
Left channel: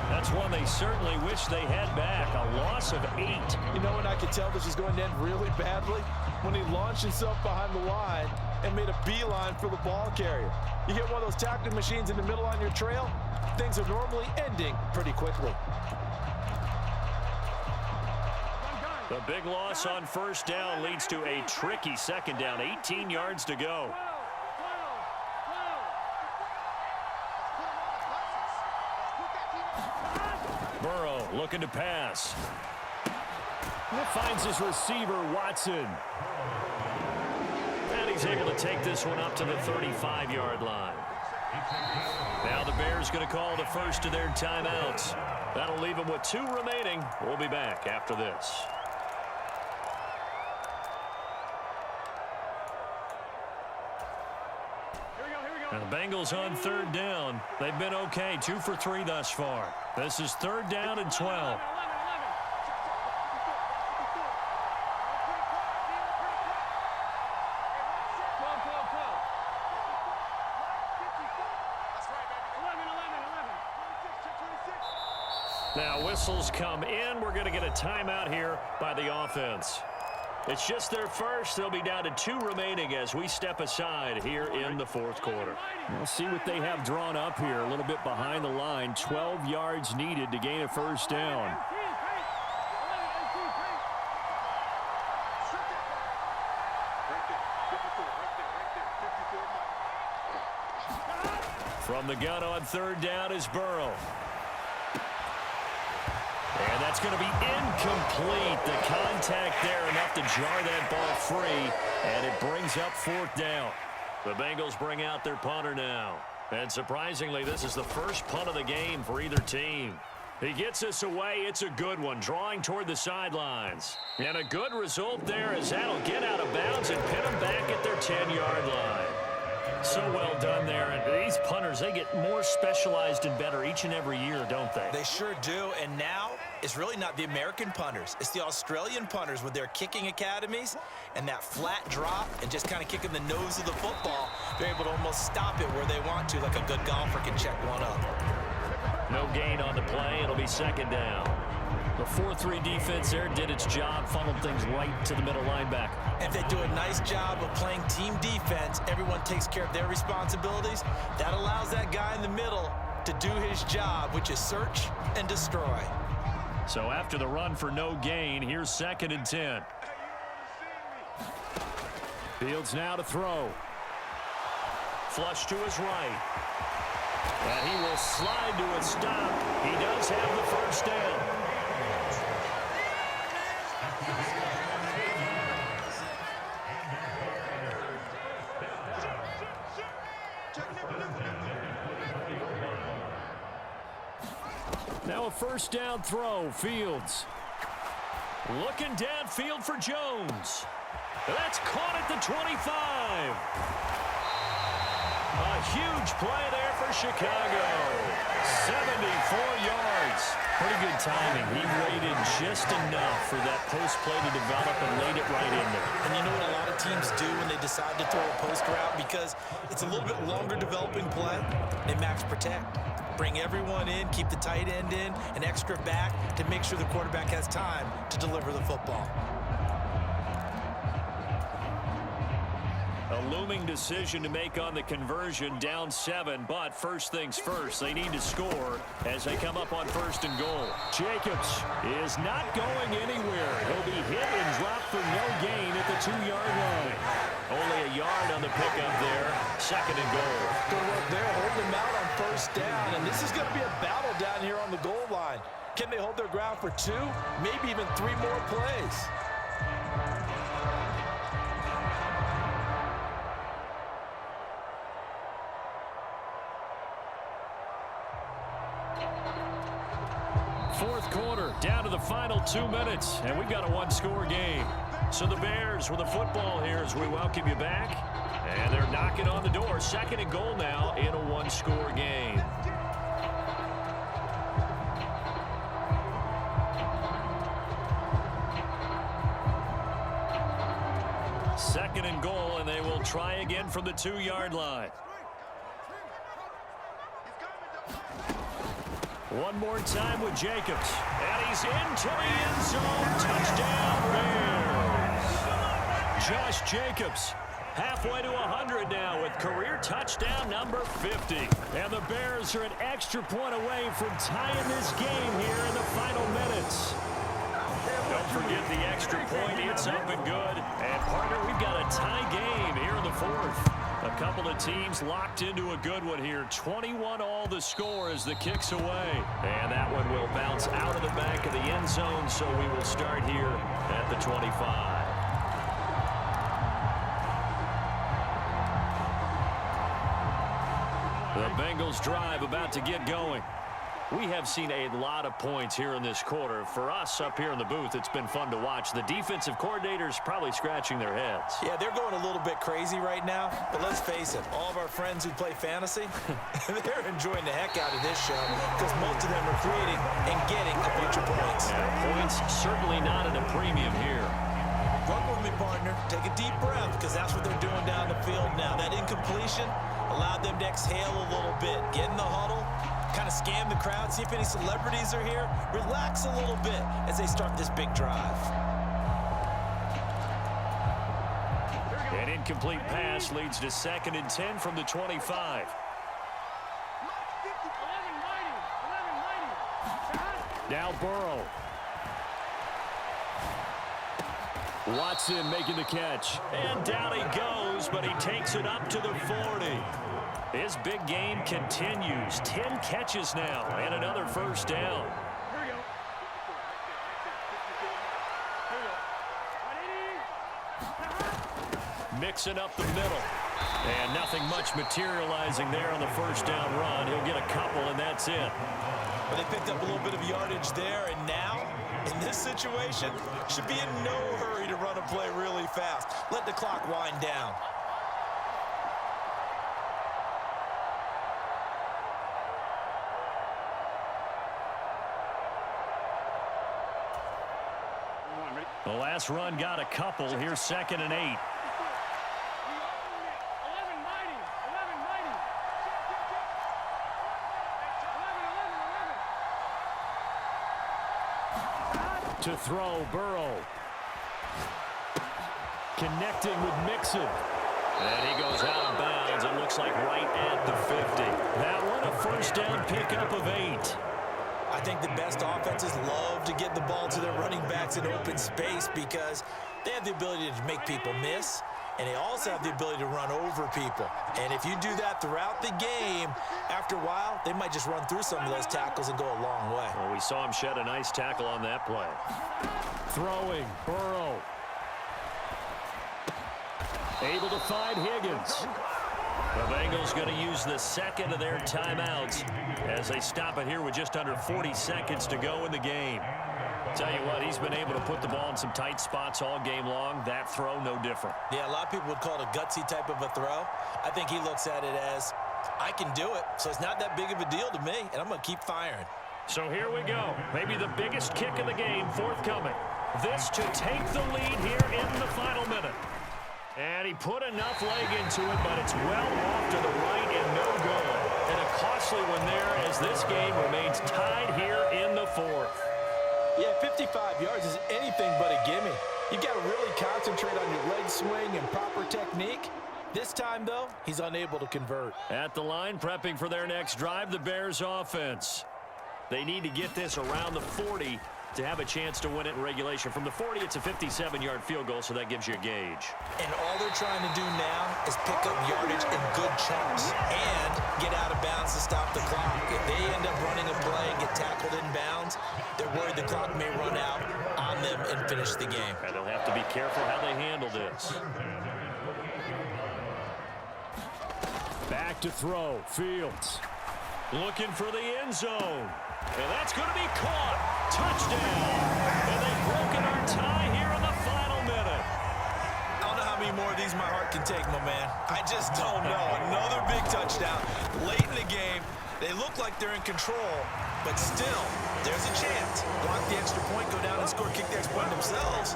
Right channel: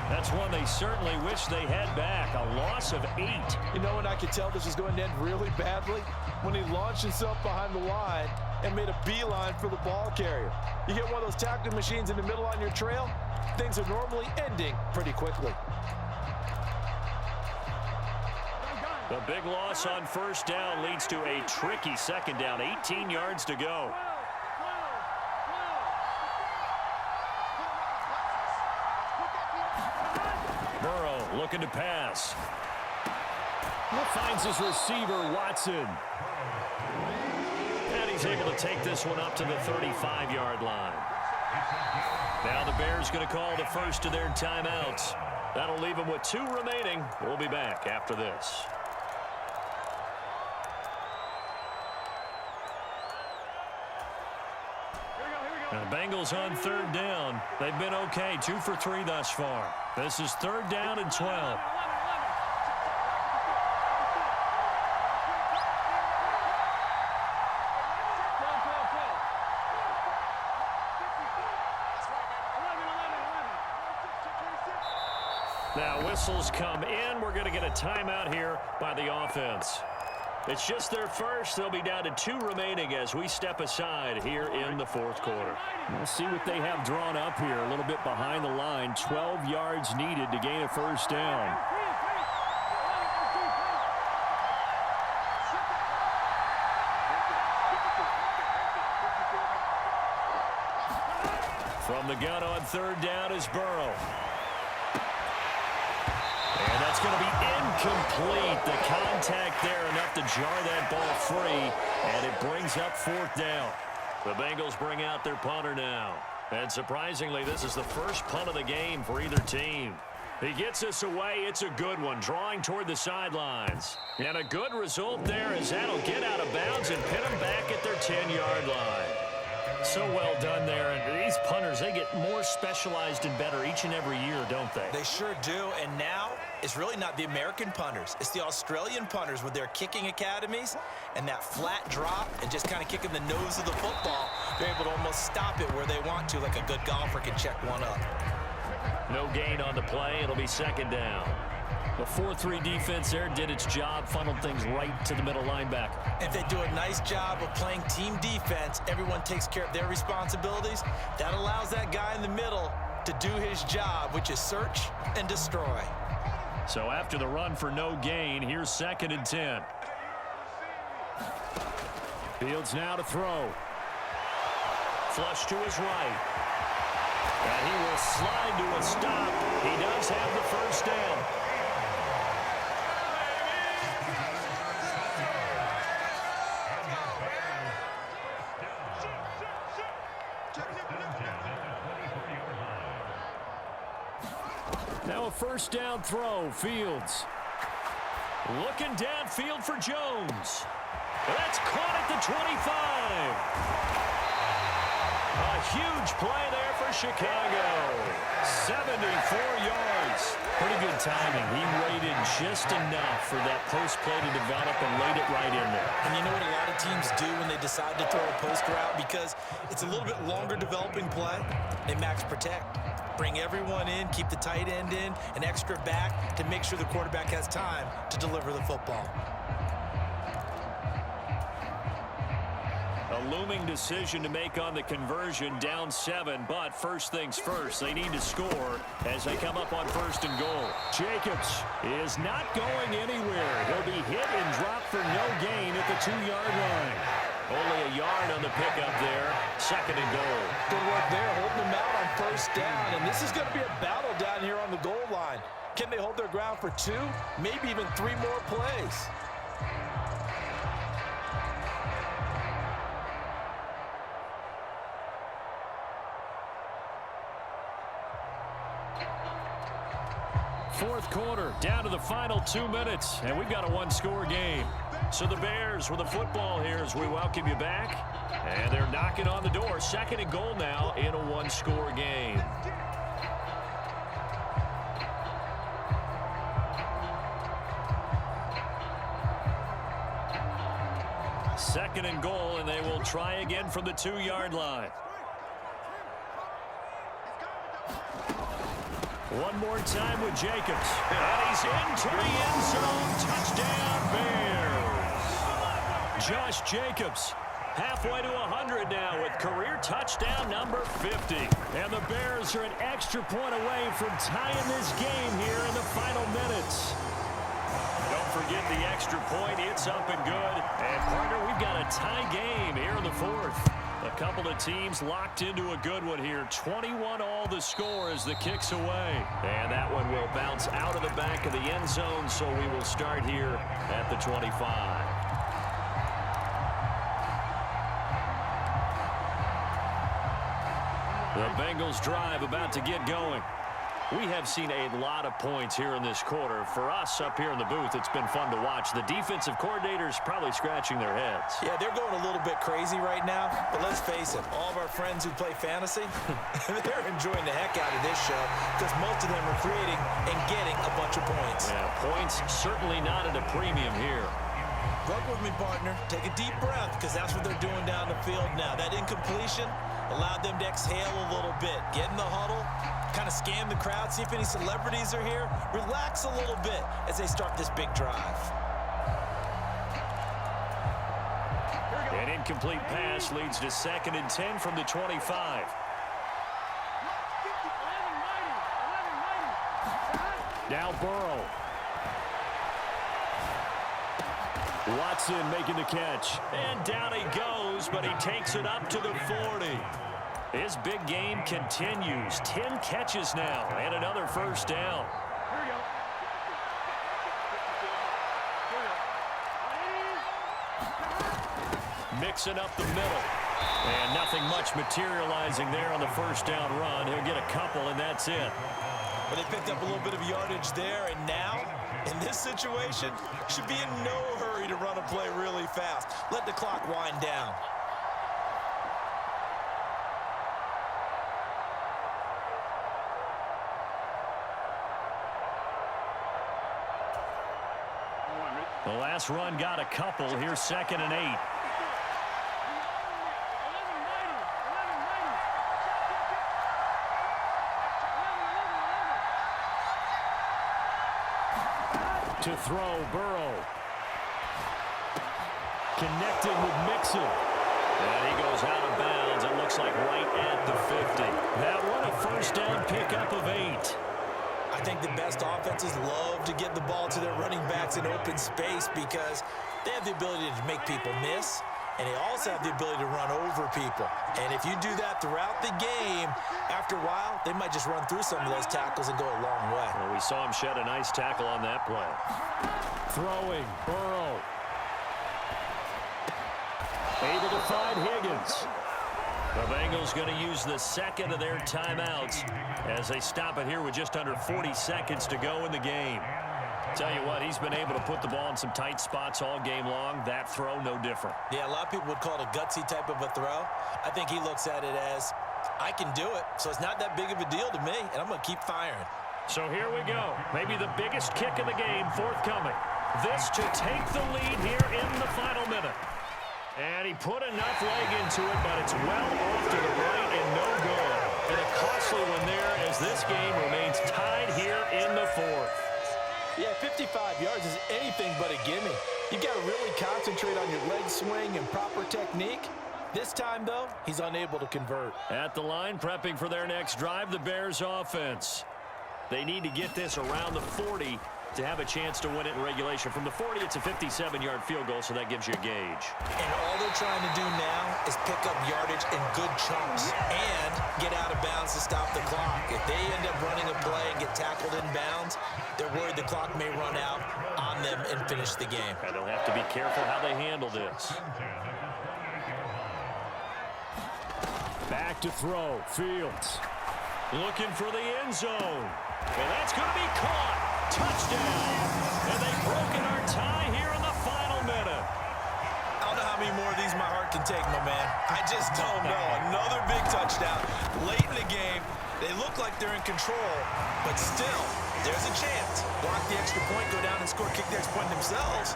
That's one they certainly wish they had back. A loss of 8. You know when I could tell this was going to end really badly? When he launched himself behind the line and made a beeline for the ball carrier. You get one of those tackling machines in the middle on your trail, things are normally ending pretty quickly. The big loss on first down leads to a tricky second down. 18 yards to go. Burrow looking to pass. Finds his receiver, Watson. And he's able to take this one up to the 35-yard line. Now the Bears going to call the first of their timeouts. That'll leave them with 2 remaining. We'll be back after this. And the Bengals on third down. They've been okay, 2 for 3 thus far. This is third down and 12. Now whistles come in. We're going to get a timeout here by the offense. It's just their first. They'll be down to 2 remaining as we step aside here in the fourth quarter. We'll see what they have drawn up here. A little bit behind the line. 12 yards needed to gain a first down. From the gun on third down is Burrow. And that's going to be incomplete. The contact there enough to jar that ball free, and it brings up fourth down. The Bengals bring out their punter now. And surprisingly, this is the first punt of the game for either team. He gets this away. It's a good one, drawing toward the sidelines. And a good result there as that'll get out of bounds and pin them back at their 10-yard line. So well done there. And these punters, they get more specialized and better each and every year, don't they? They sure do. And now it's really not the American punters. It's the Australian punters with their kicking academies and that flat drop and just kind of kicking the nose of the football. They're able to almost stop it where they want to, like a good golfer can check one up. No gain on the play. It'll be second down. The 4-3 defense there did its job, funneled things right to the middle linebacker. If they do a nice job of playing team defense, everyone takes care of their responsibilities. That allows that guy in the middle to do his job, which is search and destroy. So after the run for no gain, here's second and 10. Fields now to throw. Flush to his right. And he will slide to a stop. He does have the first down. Now a first down throw, Fields. Looking downfield for Jones. That's caught at the 25. A huge play there for Chicago. 74 yards. Pretty good timing. He waited just enough for that post play to develop and laid it right in there. And you know what a lot of teams do when they decide to throw a post route? Because it's a little bit longer developing play. They max protect. Bring everyone in, keep the tight end in, an extra back to make sure the quarterback has time to deliver the football. A looming decision to make on the conversion, down 7, but first things first, they need to score as they come up on first and goal. Jacobs is not going anywhere. He'll be hit and dropped for no gain at the 2-yard line. Only a yard on the pickup there, second and goal. Good work there, holding them out on first down, and this is going to be a battle down here on the goal line. Can they hold their ground for 2, maybe even 3 more plays? Fourth quarter, down to the final 2 minutes, and we've got a one-score game. So the Bears with the football here as we welcome you back. And they're knocking on the door. Second and goal now in a one-score game. Second and goal, and they will try again from the 2-yard line. One more time with Jacobs. And he's into the end zone. Touchdown, Bears. Josh Jacobs halfway to 100 now with career touchdown number 50. And the Bears are an extra point away from tying this game here in the final minutes. Don't forget the extra point. It's up and good. And, partner, we've got a tie game here in the fourth. A couple of teams locked into a good one here. 21-all the score as the kick's away. And that one will bounce out of the back of the end zone, so we will start here at the 25. The Bengals drive about to get going. We have seen a lot of points here in this quarter. For us up here in the booth, it's been fun to watch. The defensive coordinators probably scratching their heads. Yeah, they're going a little bit crazy right now. But let's face it, all of our friends who play fantasy, they're enjoying the heck out of this show because most of them are creating and getting a bunch of points. Yeah, points certainly not at a premium here. Work with me, partner. Take a deep breath because that's what they're doing down the field now. That incompletion allowed them to exhale a little bit. Get in the huddle. Kind of scan the crowd, see if any celebrities are here. Relax a little bit as they start this big drive. An incomplete pass leads to 2nd and 10 from the 25. Now Burrow. Watson making the catch. And down he goes, but he takes it up to the 40. His big game continues. 10 catches now and another first down. Here we go. Mixing up the middle. And nothing much materializing there on the first down run. He'll get a couple, and that's it. But they picked up a little bit of yardage there, and now, in this situation, should be in no hurry to run a play really fast. Let the clock wind down. The last run got a couple. Here's 2nd and 8. To throw, Burrow. Connecting with Mixon. And he goes out of bounds. It looks like right at the 50. That one a first down pickup of 8. I think the best offenses love to get the ball to their running backs in open space because they have the ability to make people miss, and they also have the ability to run over people. And if you do that throughout the game, after a while, they might just run through some of those tackles and go a long way. Well, we saw him shed a nice tackle on that play. Throwing, Burrow. Able to find Higgins. The Bengals going to use the second of their timeouts as they stop it here with just under 40 seconds to go in the game. Tell you what, he's been able to put the ball in some tight spots all game long. That throw, no different. Yeah, a lot of people would call it a gutsy type of a throw. I think he looks at it as, I can do it, so it's not that big of a deal to me, and I'm going to keep firing. So here we go. Maybe the biggest kick of the game forthcoming. This to take the lead here in the final minute. And he put enough leg into it, but it's well off to the right and no good. And a costly one there as this game remains tied here in the fourth. Yeah, 55 yards is anything but a gimme. You've got to really concentrate on your leg swing and proper technique. This time, though, he's unable to convert. At the line, prepping for their next drive, the Bears offense. They need to get this around the 40 to have a chance to win it in regulation. From the 40, it's a 57-yard field goal, so that gives you a gauge. And all they're trying to do now is pick up yardage in good chunks and get out of bounds to stop the clock. If they end up running a play and get tackled in bounds, they're worried the clock may run out on them and finish the game. And they'll have to be careful how they handle this. Back to throw. Fields looking for the end zone. And that's going to be caught. Touchdown. And they've broken our tie here in the final minute. I don't know how many more of these my heart can take, my man. I just don't know. Another big touchdown late in the game. They look like they're in control, but still, there's a chance. Block the extra point, go down and score, kick the extra point themselves.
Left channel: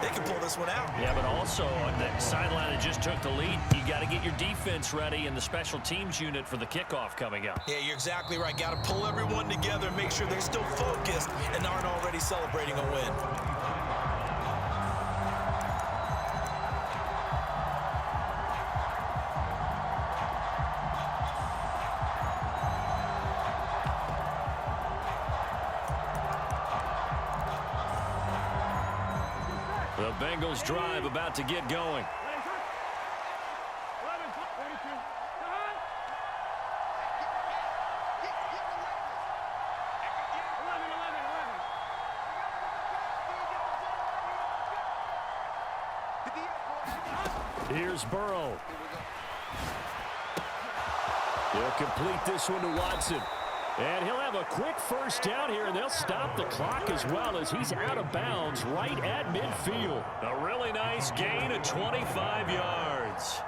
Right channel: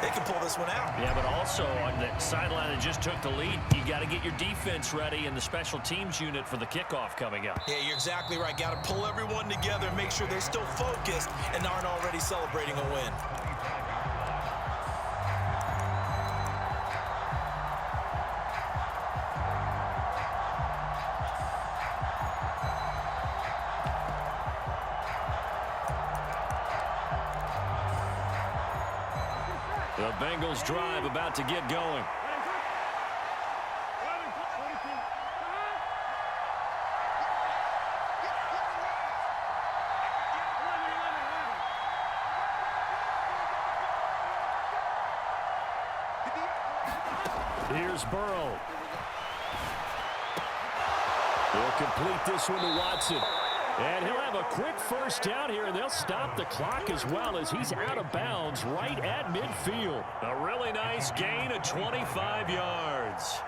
They can pull this one out. Yeah, but also on the sideline that just took the lead, you got to get your defense ready and the special teams unit for the kickoff coming up. Yeah, you're exactly right. Got to pull everyone together and make sure they're still focused and aren't already celebrating a win. The Bengals drive about to get going. Here's Burrow. He'll complete this one to Watson. And he'll have a quick first down here, and they'll stop the clock as well as he's out of bounds right at midfield. A really nice gain of 25 yards.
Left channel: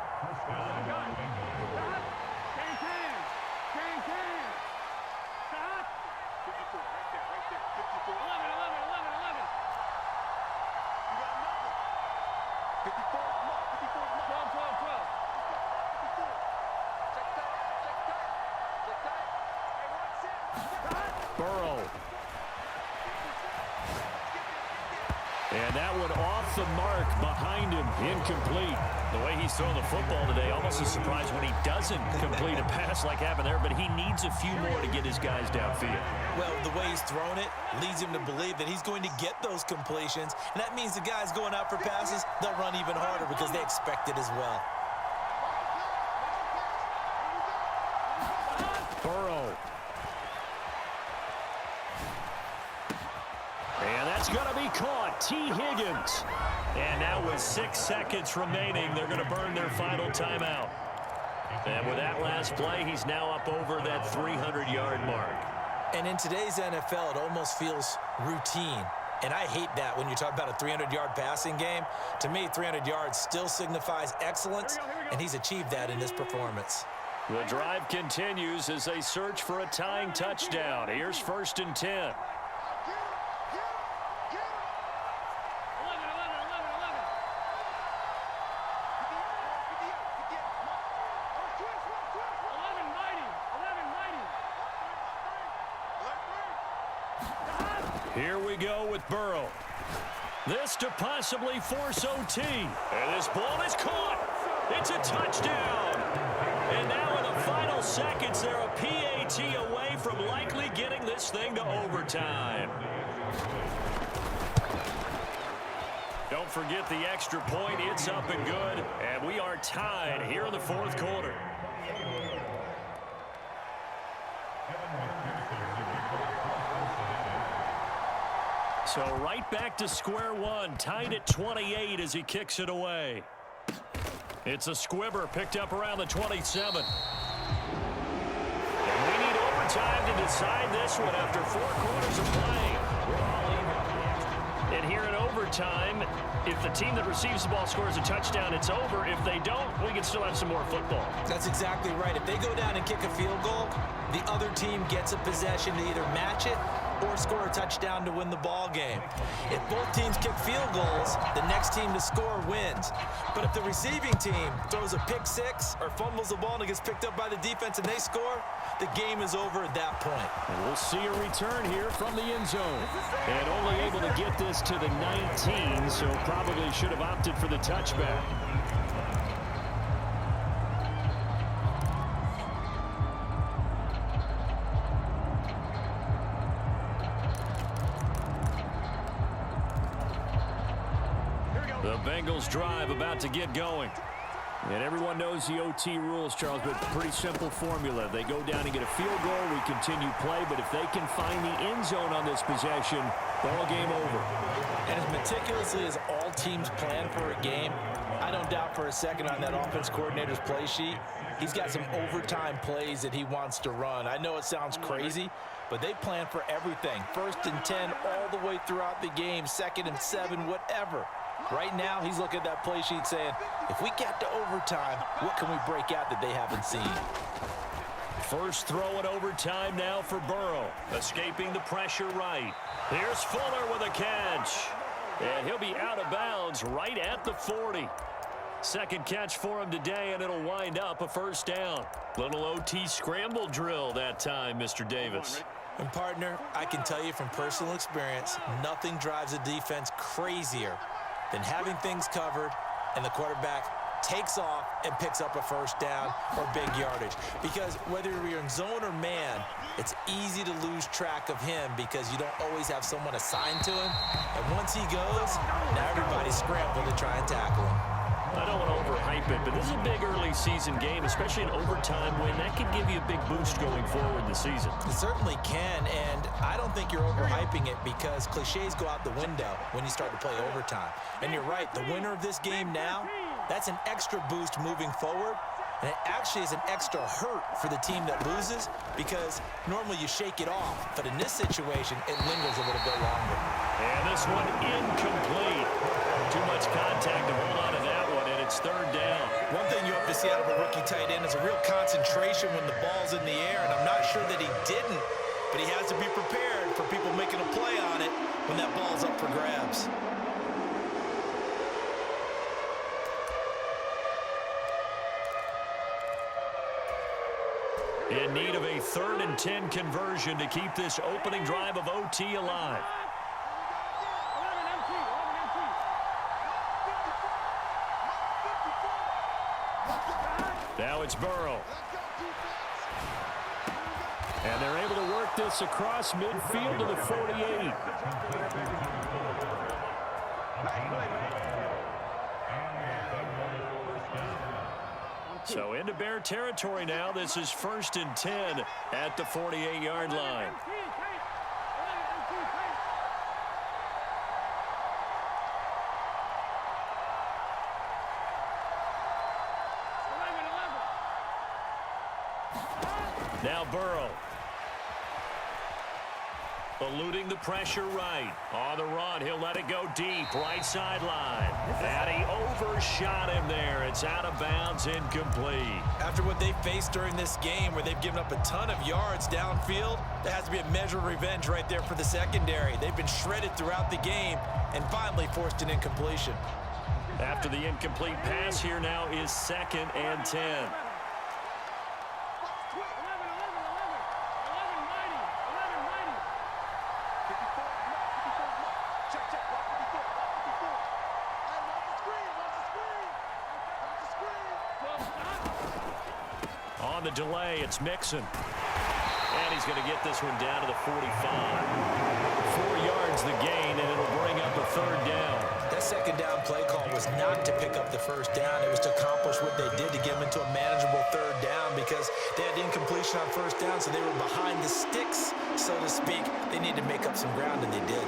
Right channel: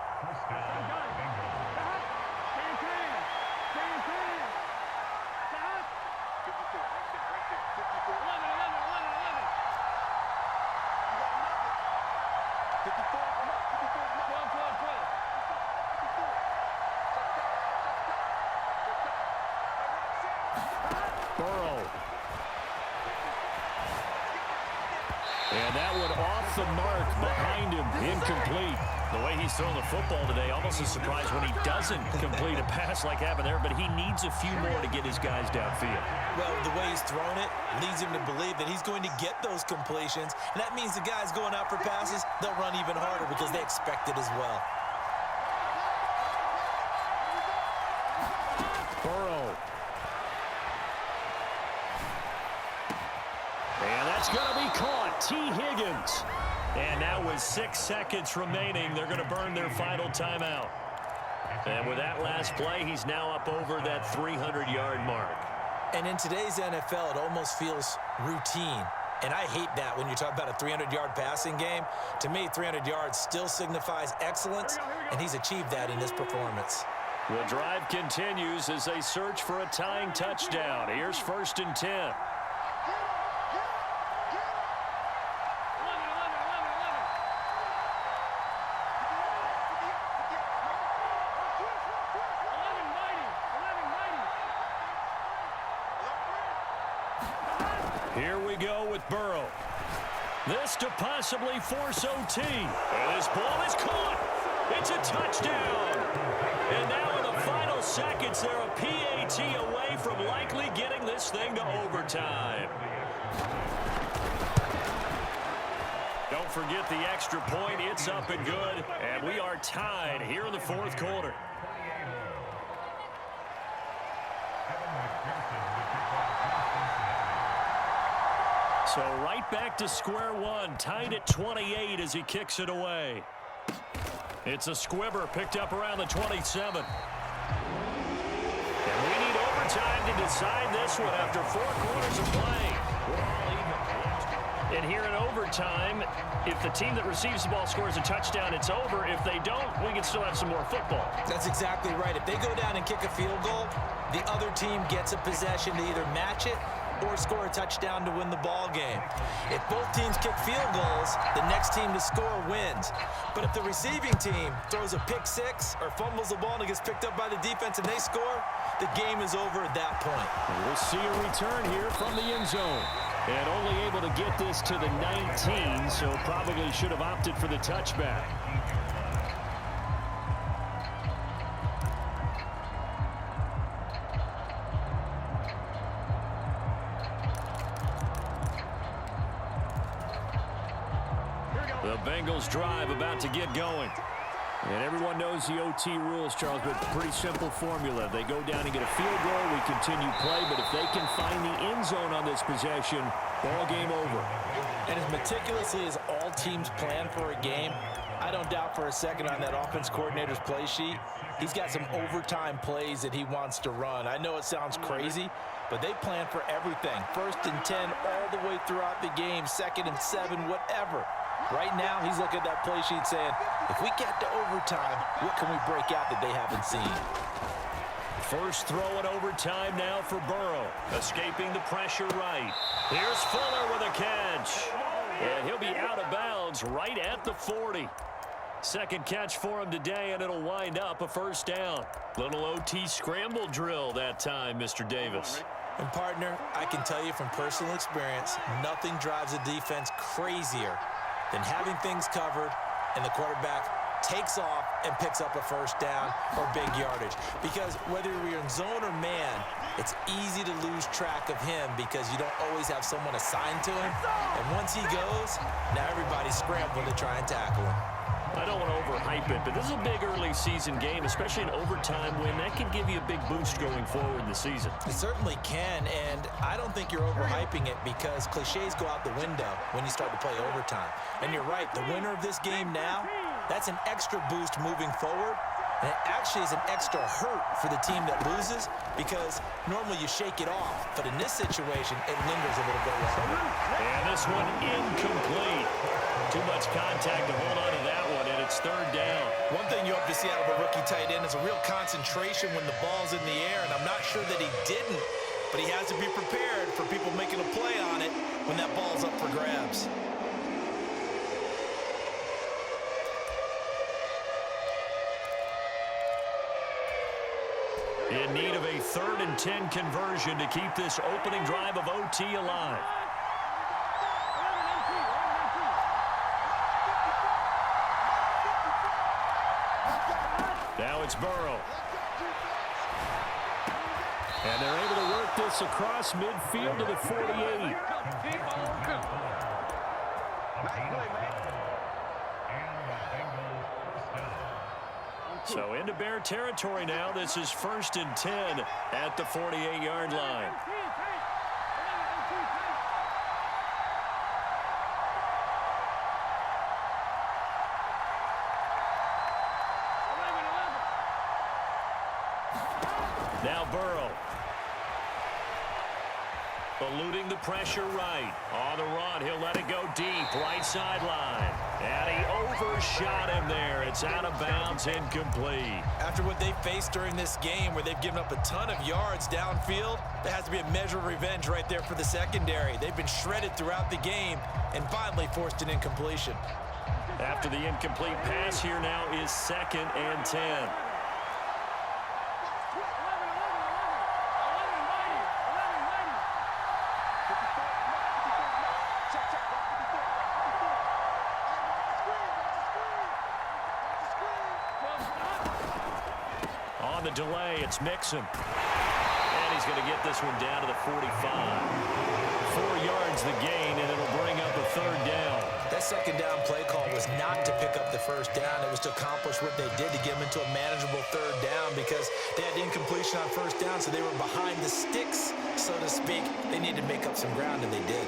Burrow. And that one off the mark behind him, incomplete. The way he's throwing the football today, almost a surprise when he doesn't complete a pass like happened there, but he needs a few more to get his guys downfield. Well, the way he's thrown it leads him to believe that he's going to get those completions, and that means the guys going out for passes, they'll run even harder because they expect it as well. Burrow. And that's going to be caught. T. Higgins. And now with 6 seconds remaining, they're going to burn their final timeout. And with that last play, he's now up over that 300-yard mark. And in today's NFL, it almost feels routine. And I hate that when you talk about a 300-yard passing game. To me, 300 yards still signifies excellence, and he's achieved that in this performance. The drive continues as they search for a tying touchdown. Here's 1st and 10. Here we go with Burrow. This to possibly force OT. And this ball is caught. It's a touchdown. And now in the final seconds, they're a PAT away from likely getting this thing to overtime. Don't forget the extra point. It's up and good. And we are tied here in the fourth quarter. So right back to square one, tied at 28 as he kicks it away. It's a squibber picked up around the 27. And we need overtime to decide this one after 4 quarters of play. We're all even. And here in overtime, if the team that receives the ball scores a touchdown, it's over. If they don't, we can still have some more football. That's exactly right. If they go down and kick a field goal, the other team gets a possession to either match it or score a touchdown to win the ball game. If both teams kick field goals, the next team to score wins. But if the receiving team throws a pick six or fumbles the ball and it gets picked up by the defense and they score, the game is over at that point. And we'll see a return here from the end zone. And only able to get this to the 19, so probably should have opted for the touchback. The Bengals drive about to get going. And everyone knows the OT rules, Charles, but pretty simple formula. They go down and get a field goal, we continue play, but if they can find the end zone on this possession, ball game over. And as meticulously as all teams plan for a game, I don't doubt for a second on that offense coordinator's play sheet, he's got some overtime plays that he wants to run. I know it sounds crazy, but they plan for everything. 1st and 10 all the way throughout the game, 2nd and 7, whatever. Right now, he's looking at that play sheet saying, if we get to overtime, what can we break out that they haven't seen? First throw in overtime now for Burrow. Escaping the pressure right. Here's Fuller with a catch. And he'll be out of bounds right at the 40. Second catch for him today, and it'll wind up a first down. Little OT scramble drill that time, Mr. Davis. And partner, I can tell you from personal experience, nothing drives a defense crazier than having things covered and the quarterback takes off and picks up a first down or big yardage. Because whether you're in zone or man, it's easy to lose track of him because you don't always have someone assigned to him. And once he goes, now everybody's scrambling to try and tackle him. I don't want to overhype it, but this is a big early season game, especially an overtime win. That can give you a big boost going forward in the season. It certainly can, and I don't think you're overhyping it because cliches go out the window when you start to play overtime. And you're right, the winner of this game now, that's an extra boost moving forward, and it actually is an extra hurt for the team that loses because normally you shake it off, but in this situation, it lingers a little bit longer. And this one incomplete. Too much contact to hold on to that one, and it's 3rd down. One thing you hope to see out of a rookie tight end is a real concentration when the ball's in the air, and I'm not sure that he didn't, but he has to be prepared for people making a play on it when that ball's up for grabs. In need of a 3rd and 10 conversion to keep this opening drive of OT alive. Now it's Burrow. And they're able to work this across midfield to the 48. So into Bear territory now. This is 1st and 10 at the 48-yard line. Now Burrow. Eluding the pressure right. On the run, he'll let it go deep. Right sideline. And he overshot him there. It's out of bounds, incomplete. After what they faced during this game where they've given up a ton of yards downfield, there has to be a measure of revenge right there for the secondary. They've been shredded throughout the game and finally forced an incompletion. After the incomplete pass, here now is 2nd and 10. On the delay, it's Mixon. And he's going to get this one down to the 45. 4 yards the gain, and it'll bring up a 3rd down. That 2nd down play call was not to pick up the 1st down. It was to accomplish what they did to get them into a manageable 3rd down because they had incompletion on 1st down, so they were behind the sticks, so to speak. They needed to make up some ground, and they did.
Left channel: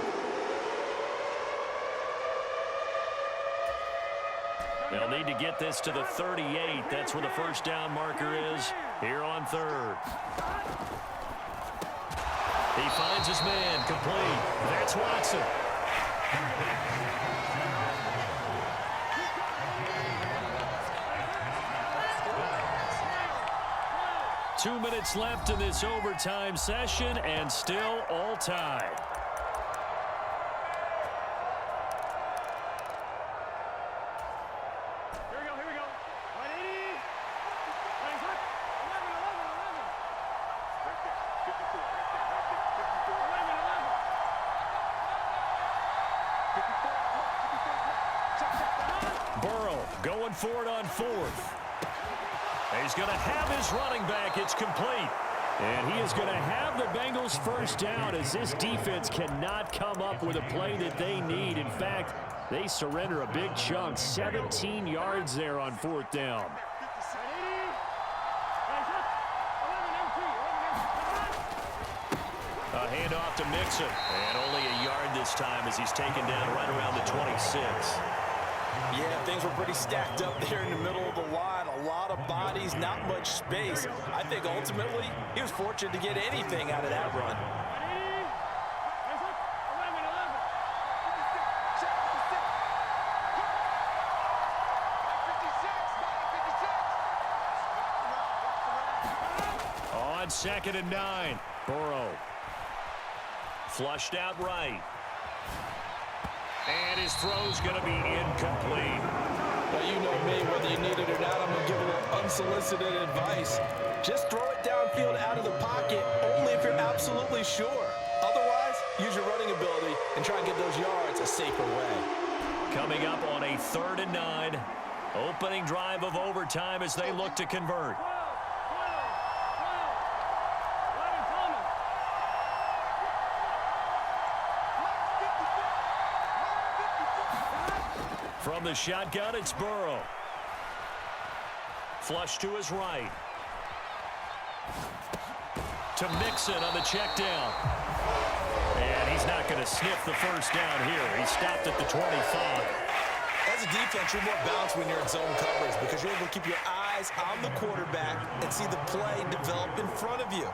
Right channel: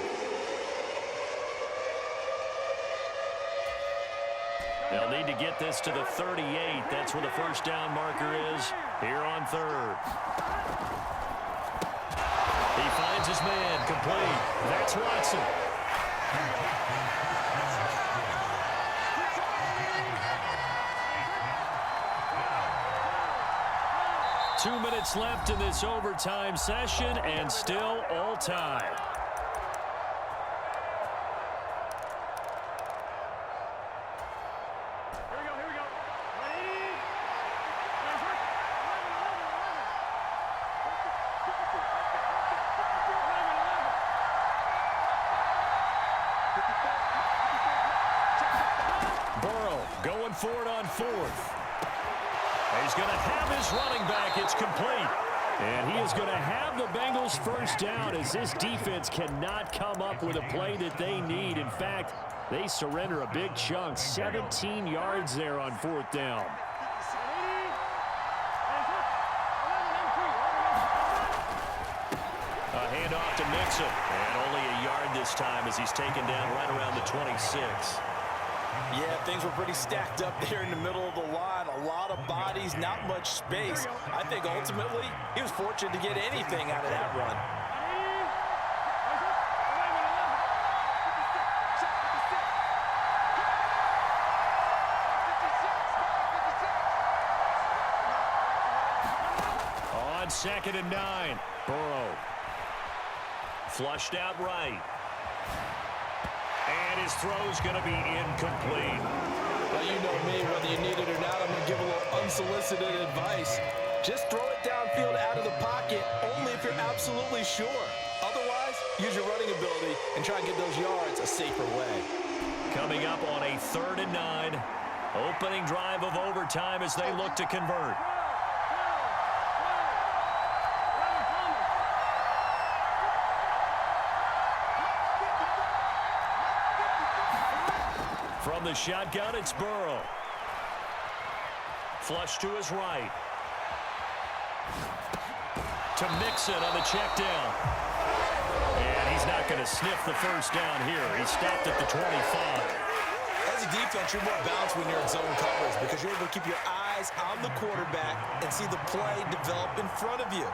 They'll need to get this to the 38. That's where the first down marker is here on third. He finds his man, complete. That's Watson. 2 minutes left in this overtime session, and still all tied. Here we go. 180. Right there. 54. Right there. 54. Burrow going for it on fourth. He's going to have his running back. It's complete. And he is going to have the Bengals first down as this defense cannot come up with a play that they need. In fact, they surrender a big chunk. 17 yards there on fourth down. A handoff to Mixon. And only a yard this time as he's taken down right around the 26. Yeah, things were pretty stacked up there in the middle of the line. A lot of bodies, not much space. I think ultimately he was fortunate to get anything out of that run. On 2nd and 9, Burrow. Flushed out right. And his throw's going to be incomplete. Well, you know me, whether you need it or not, I'm going to give a little unsolicited advice. Just throw it downfield out of the pocket, only if you're absolutely sure. Otherwise, use your running ability and try and get those yards a safer way. Coming up on a 3rd and 9. Opening drive of overtime as they look to convert. From the shotgun, it's Burrow. Flush to his right. To Mixon on the check down. And he's not going to sniff the first down here. He stopped at the 25. As a defense, you're more balanced when you're in zone coverage because you're able to keep your eyes on the quarterback and see the play develop in front of you.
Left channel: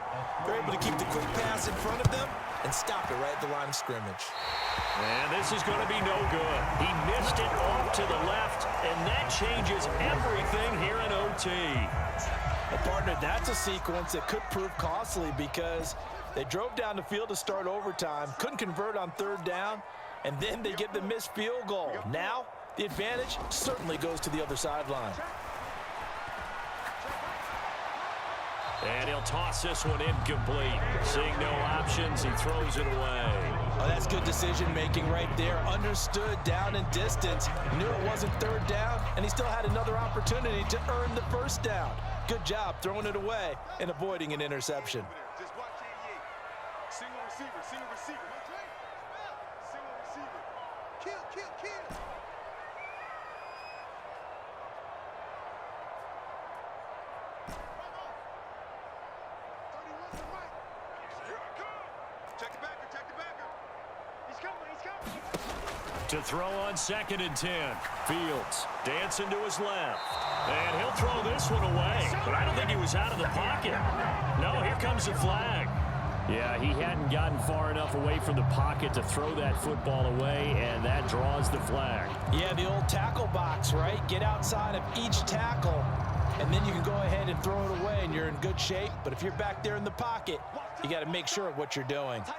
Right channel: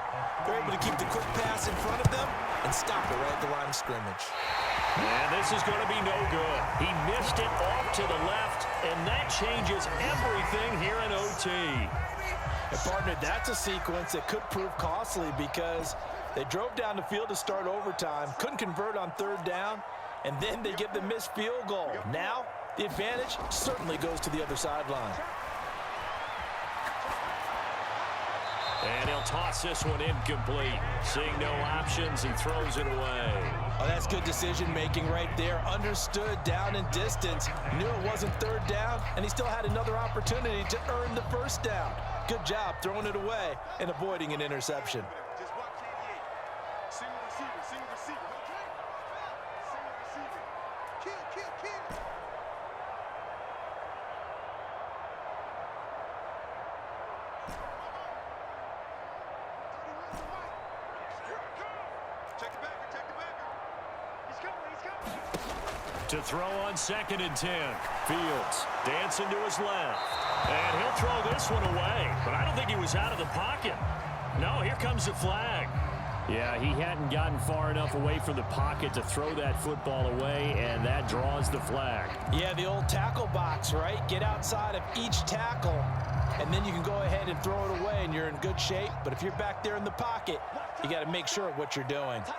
They're able to keep the quick pass in front of them and stop it right at the line of scrimmage. And this is going to be no good. He missed it off to the left, and that changes everything here in OT. And partner, that's a sequence that could prove costly because they drove down the field to start overtime, couldn't convert on 3rd down, and then they get the missed field goal. Now, the advantage certainly goes to the other sideline. And he'll toss this one incomplete. Seeing no options, he throws it away. Oh, that's good decision-making right there. Understood down and distance. Knew it wasn't 3rd down, and he still had another opportunity to earn the first down. Good job throwing it away and avoiding an interception. Just watch 88. Single receiver. Single receiver. Kill. Check the backer. He's coming. To throw on 2nd and 10. Fields dancing to his left. And he'll throw this one away. But I don't think he was out of the pocket. No, here comes the flag. Yeah, he hadn't gotten far enough away from the pocket to throw that football away, and that draws the flag. Yeah, the old tackle box, right? Get outside of each tackle, and then you can go ahead and throw it away, and you're in good shape. But if you're back there in the pocket, you got to make sure of what you're doing. Hey, we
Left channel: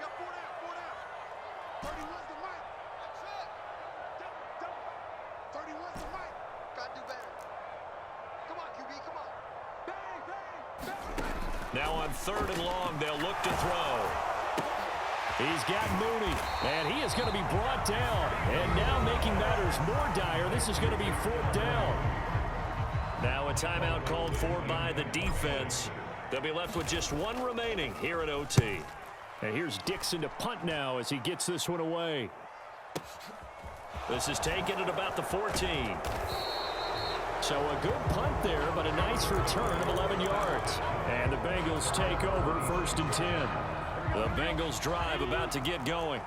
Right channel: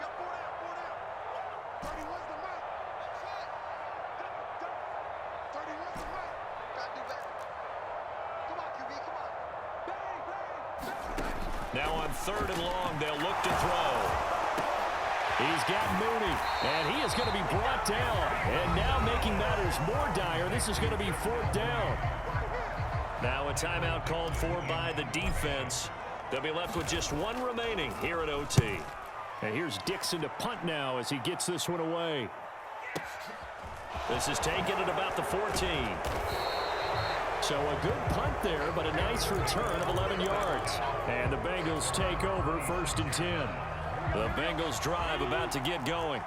got four down. 31's the mic. Double. 31's the mic. Gotta do better. Come on, QB, come on. Bang. Now on 3rd and long, they'll look to throw. He's got Mooney, and he is going to be brought down. And now making matters more dire, this is going to be 4th down. Now a timeout called for by the defense. They'll be left with just one remaining here at OT. And here's Dixon to punt now as he gets this one away. This is taken at about the 14. So a good punt there, but a nice return of 11 yards. And the Bengals take over 1st and 10. The Bengals drive about to get going.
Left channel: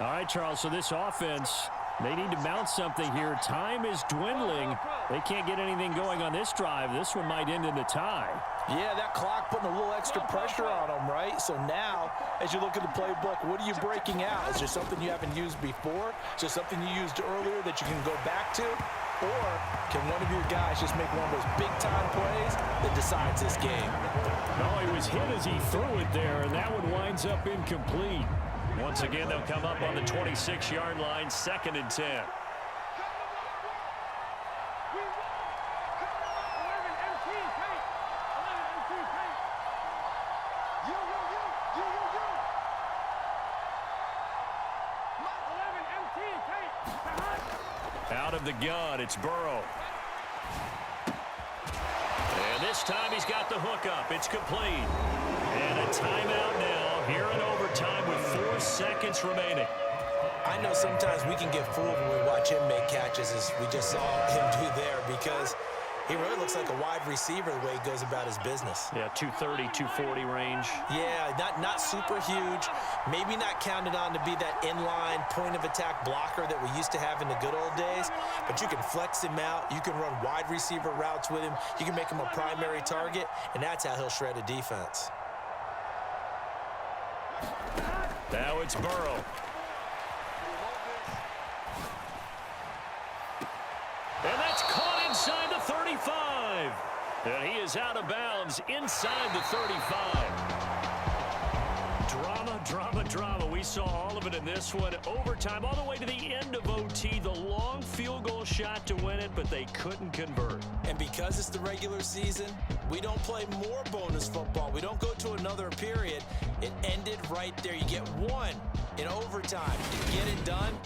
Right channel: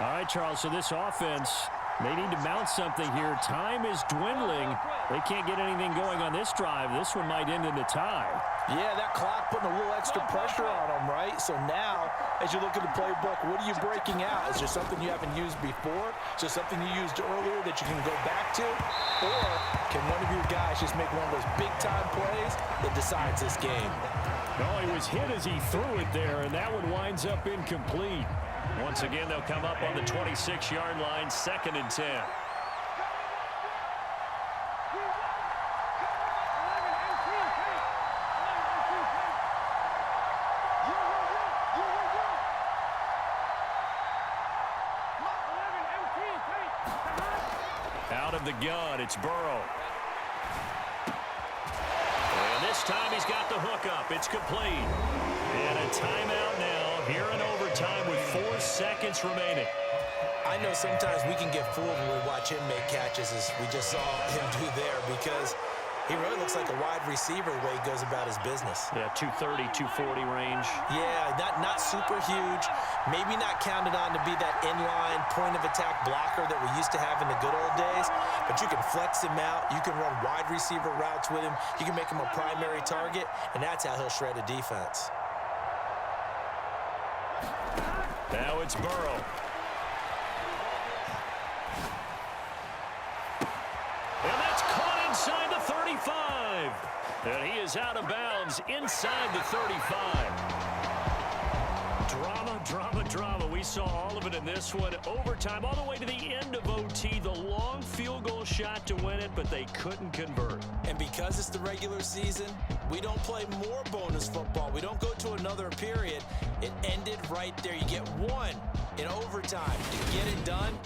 All right, Charles, so this offense, they need to mount something here. Time is dwindling. They can't get anything going on this drive. This one might end in a tie. Yeah, that clock putting a little extra pressure on them, right? So now, as you look at the playbook, what are you breaking out? Is there something you haven't used before? Is there something you used earlier that you can go back to? Or can one of your guys just make one of those big-time plays that decides this game? No, he was hit as he threw it there, and that one winds up incomplete. Once again, they'll come up on the 26-yard line, 2nd and 10. Out of the gun, it's Burrow. And this time he's got the hookup. It's complete. And a timeout now here in overtime with 4 seconds remaining. I know sometimes we can get fooled when we watch him make catches, as we just saw him do there, because he really looks like a wide receiver the way he goes about his business. Yeah, 230, 240 range. Yeah, not super huge. Maybe not counted on to be that inline point-of-attack blocker that we used to have in the good old days, but you can flex him out. You can run wide receiver routes with him. You can make him a primary target, and that's how he'll shred a defense. Now it's Burrow. And that's caught inside the 35. And he is out of bounds inside the 35. Drama, drama, drama. We saw all of it in this one. Overtime, all the way to the end of OT. The long field goal shot to win it, but they couldn't convert. And because it's the regular season, we don't play more bonus football. We don't go to another period. It ended right there. You get one in overtime. You get it done.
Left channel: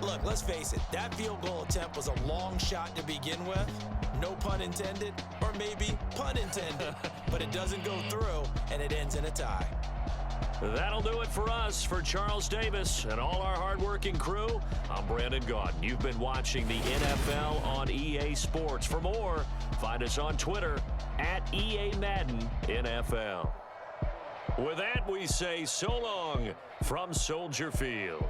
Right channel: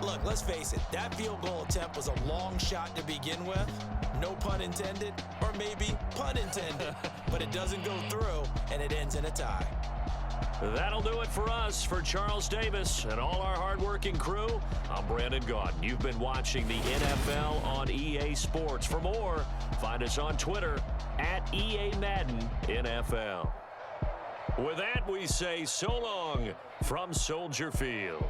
Look, let's face it, that field goal attempt was a long shot to begin with. No pun intended, or maybe pun intended. But it doesn't go through, and it ends in a tie. That'll do it for us. For Charles Davis and all our hardworking crew, I'm Brandon Gaudin. You've been watching the NFL on EA Sports. For more, find us on Twitter at EA Madden NFL. With that, we say so long from Soldier Field.